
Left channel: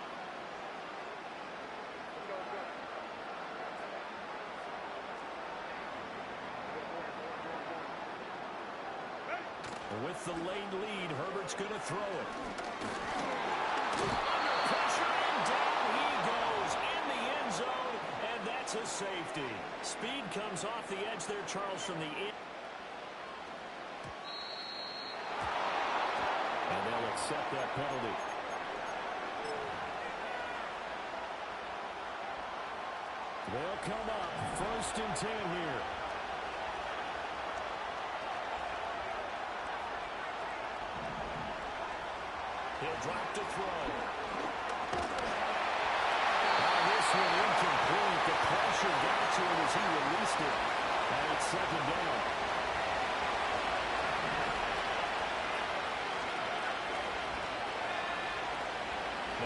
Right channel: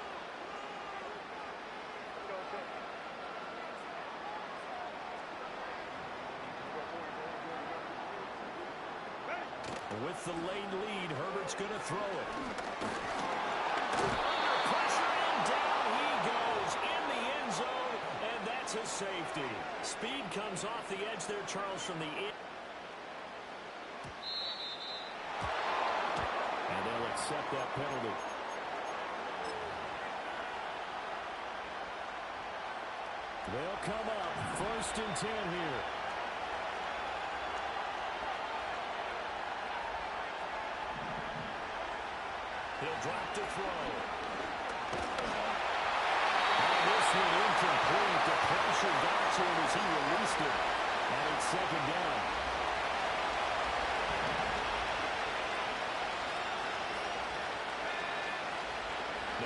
With the late lead, Herbert's going to throw it. Under pressure, and down he goes in the end zone, and that's a safety. Speed comes off the edge there, Charles, from the end. And they'll accept that penalty. They'll come up 1st and 10 here. He'll drop to throw. This one incomplete. The pressure got to him as he released it. And it's 2nd down.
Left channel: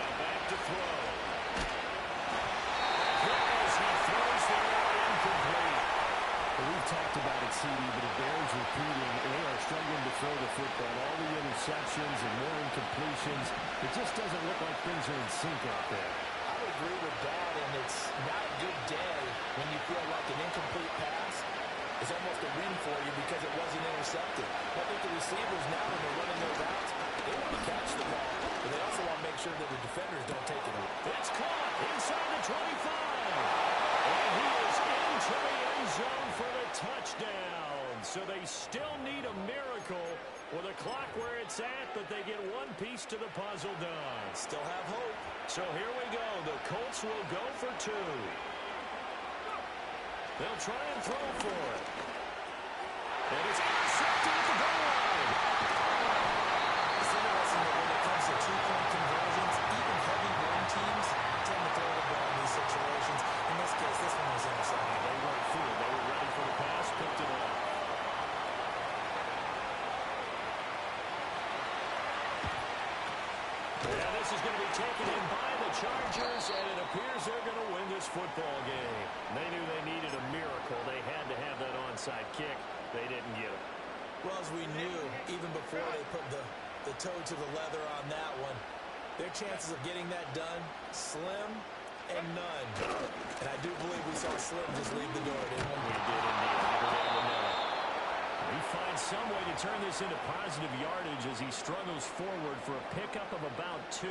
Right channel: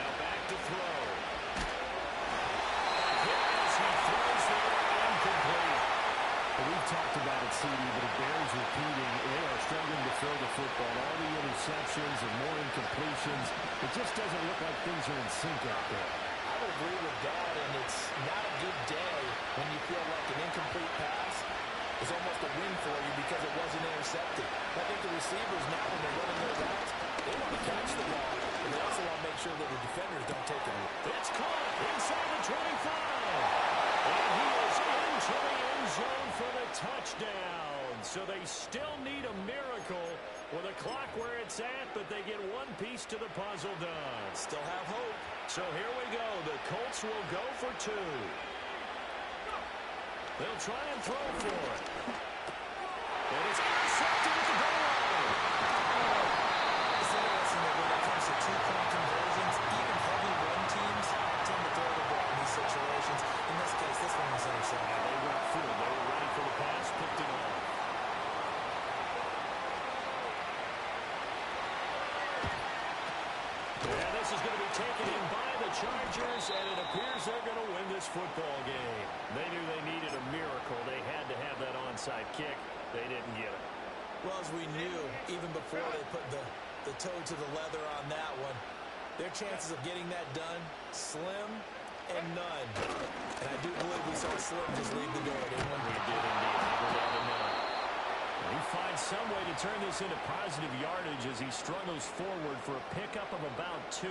Now back to throw. Hit as he throws there, incomplete. Well, we've talked about it, CD, but it bears repeating. They are struggling to throw the football. All the interceptions and more incompletions. It just doesn't look like things are in sync out there. I would agree with that, and it's not a good day when you feel like an incomplete pass is almost a win for you because it wasn't intercepted. I think the receivers now, when they're running their routes, they want to catch the ball, but they also want to make sure that the defenders don't take it away. It's caught inside the 25. And he is into the end zone for the touchdown. So they still need a miracle with a clock where it's at, but they get one piece to the puzzle done. Still have hope. So here we go. The Colts will go for 2. They'll try and throw for it. And it's intercepted at the goal line. It's interesting that when it comes to 2-point conversions, even heavy run teams tend to throw the ball in these situations. In this case, this one was intercepted. They weren't fooled. They were ready for the pass, picked it off. And this is going to be taken in by the Chargers, and it appears they're going to win this football game. They knew they needed a miracle. They had to have that onside kick. They didn't get it. Well, as we knew, even before they put the toe to the leather on that one, their chances of getting that done, slim and none. And I do believe we saw Slim just leave the door, didn't we? We did indeed. I think we're down to none. He finds some way to turn this into positive yardage as he struggles forward for a pickup of about 2.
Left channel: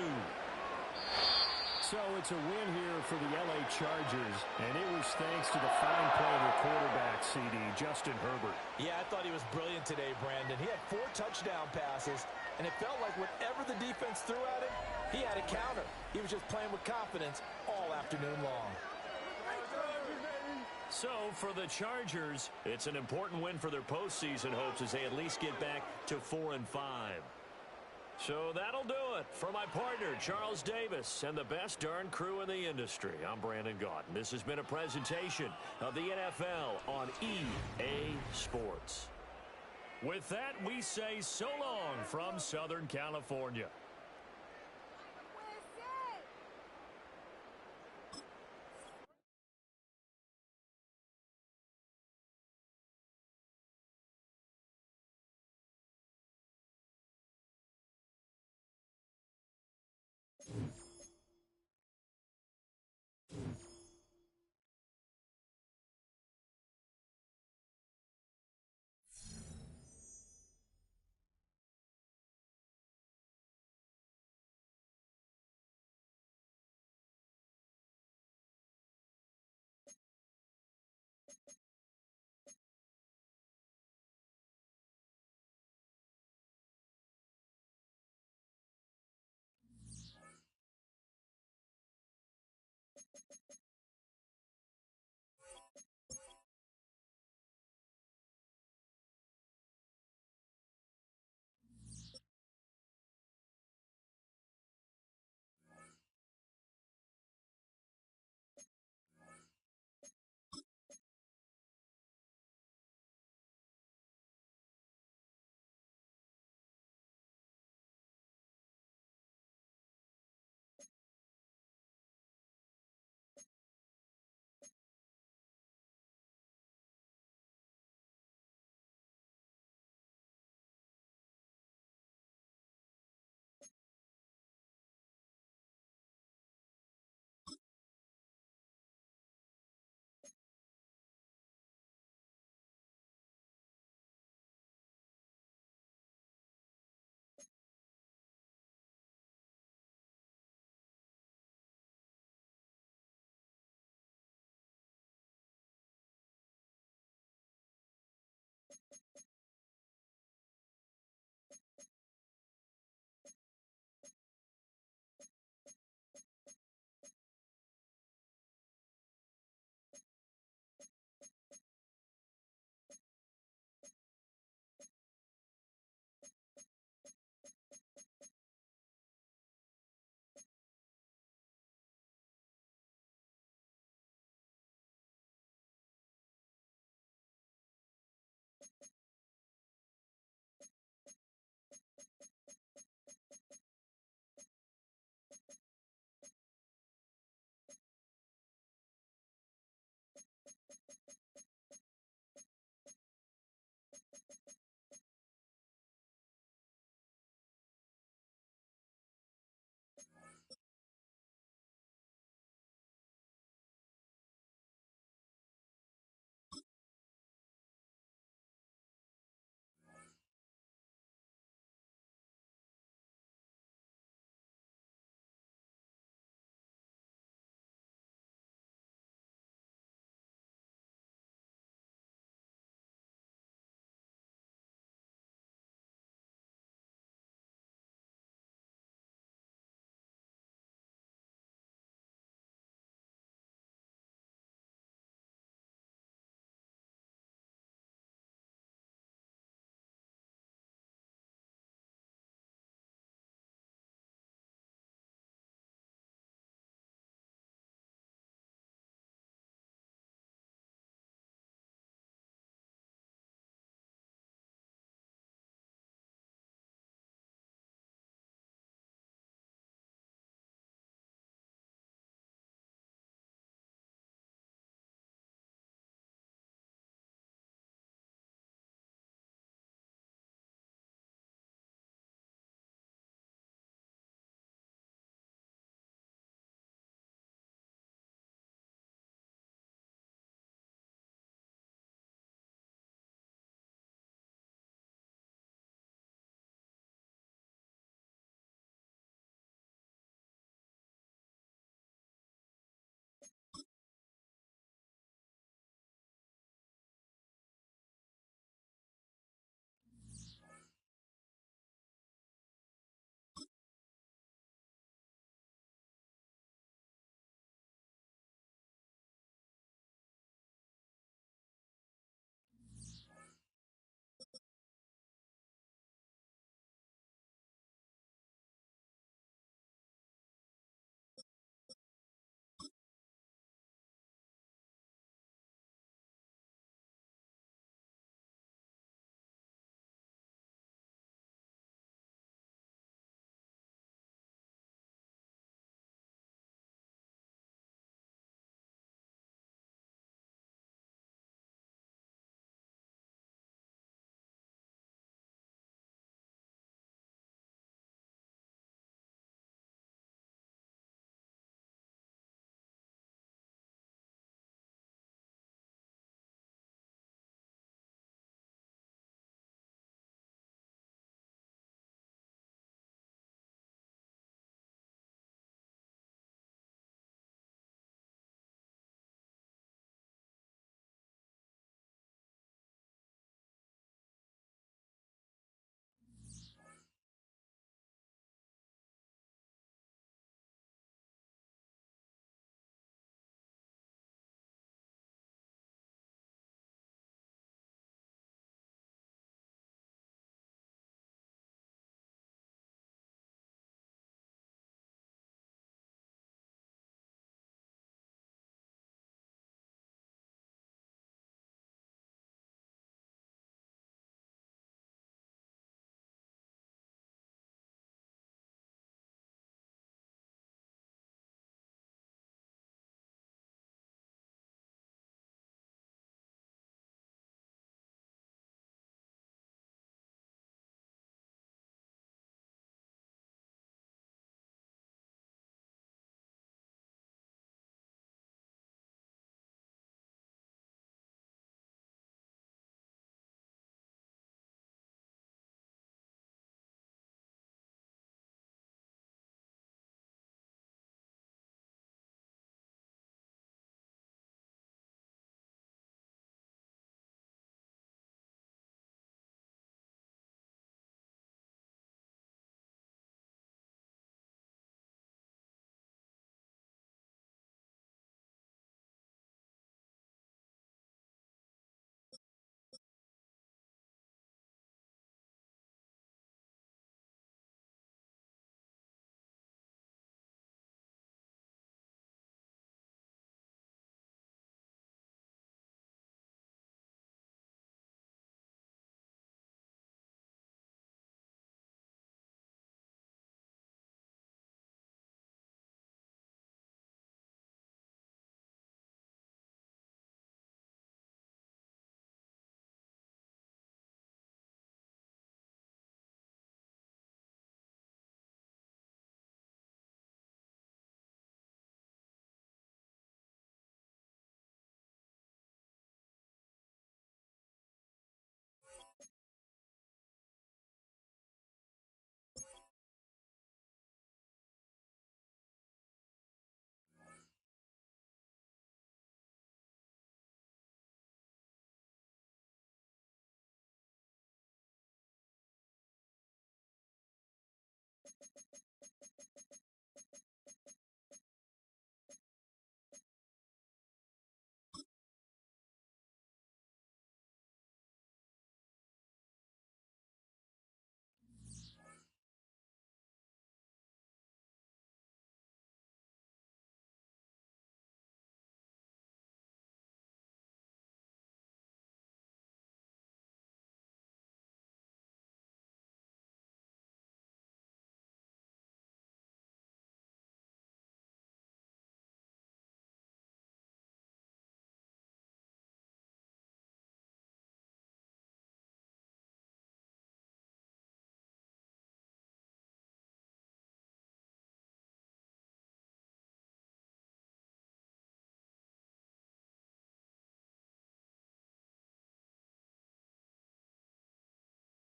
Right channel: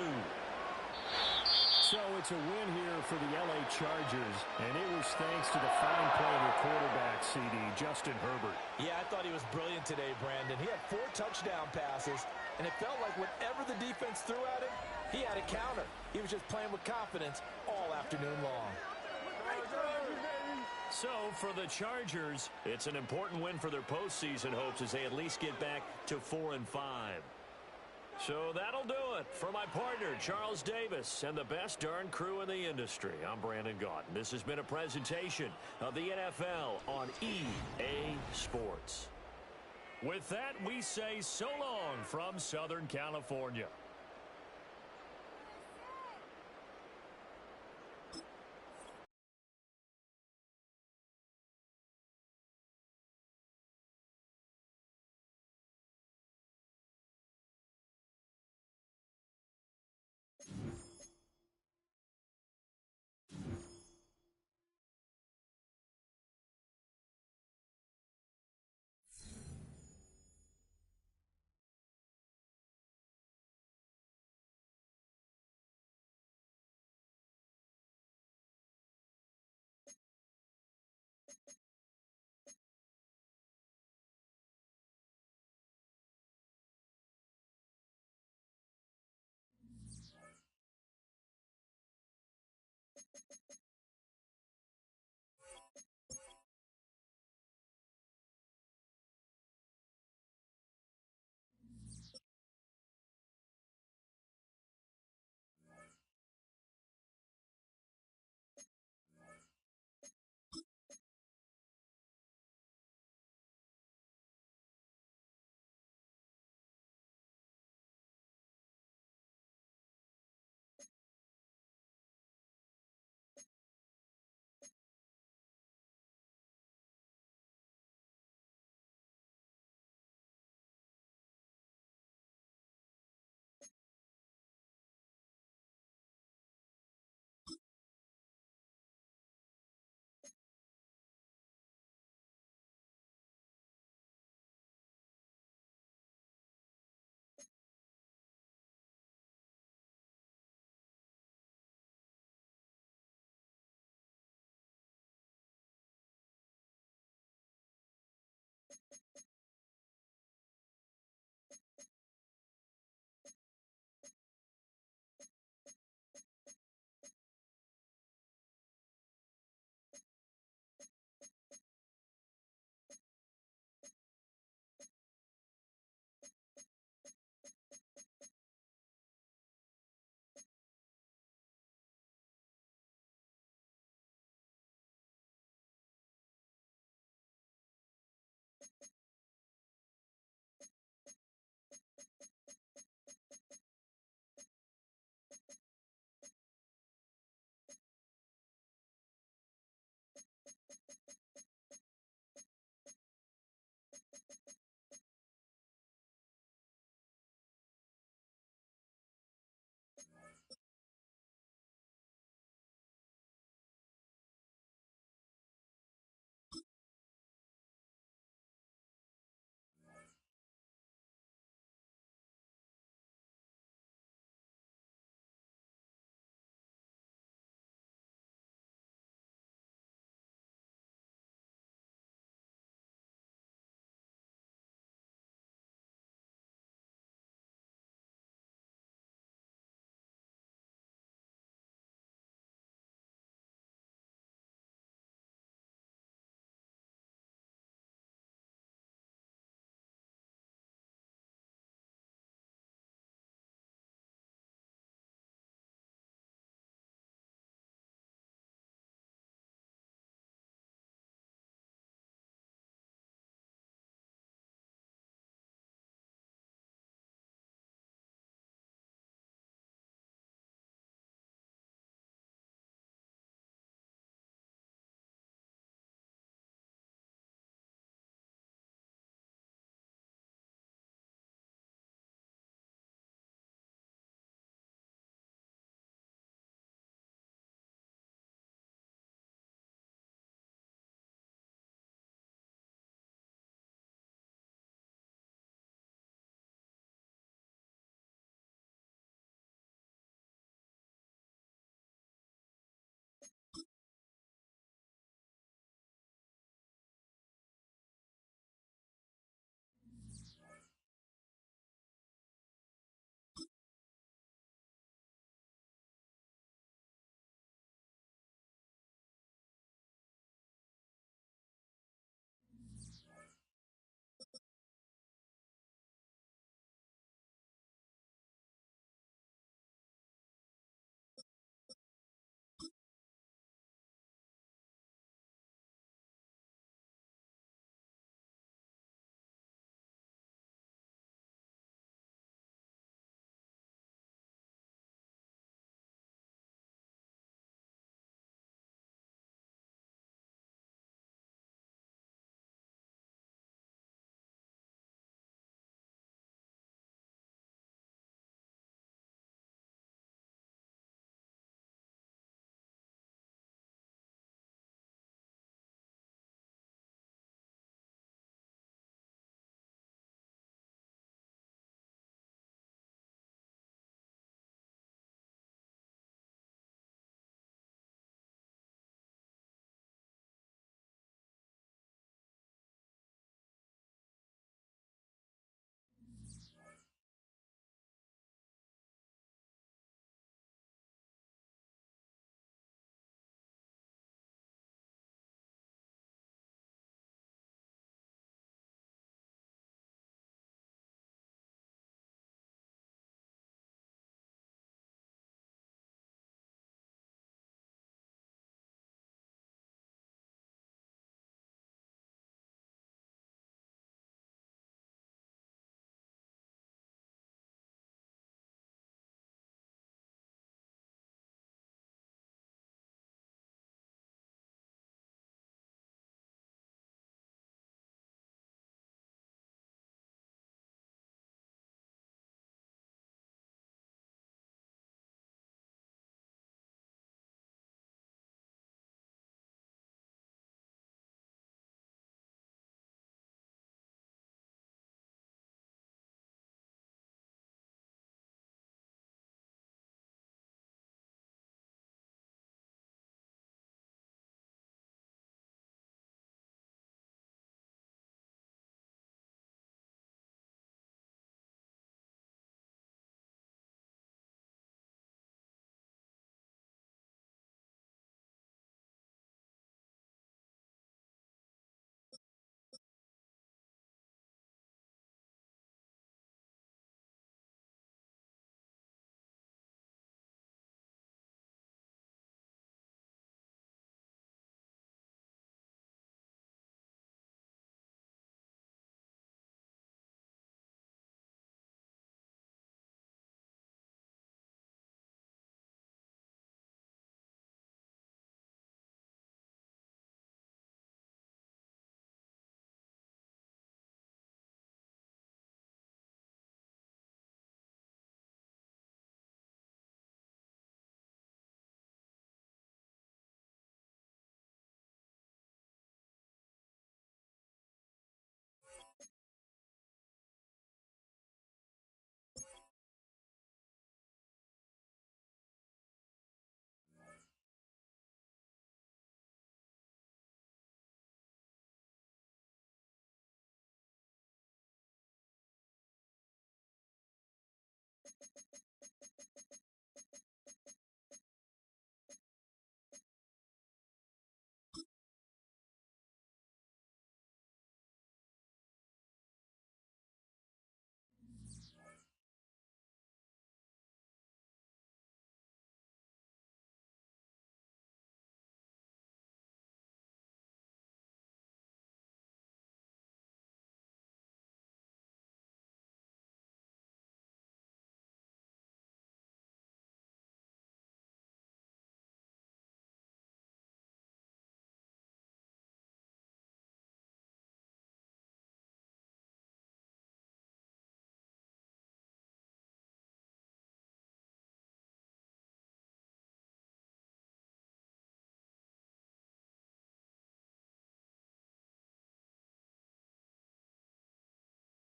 So So it's a win here for the LA Chargers, and it was thanks to the fine play of their quarterback, CD, Justin Herbert. Yeah, I thought he was brilliant today, Brandon. He had 4 touchdown passes, and it felt like whatever the defense threw at him, he had a counter. He was just playing with confidence all afternoon long. So for the Chargers, it's an important win for their postseason hopes as they at least get back to 4-5. So that'll do it. For my partner, Charles Davis, and the best darn crew in the industry, I'm Brandon Gaudin. This has been a presentation of the NFL on EA Sports. With that, we say so long from Southern California.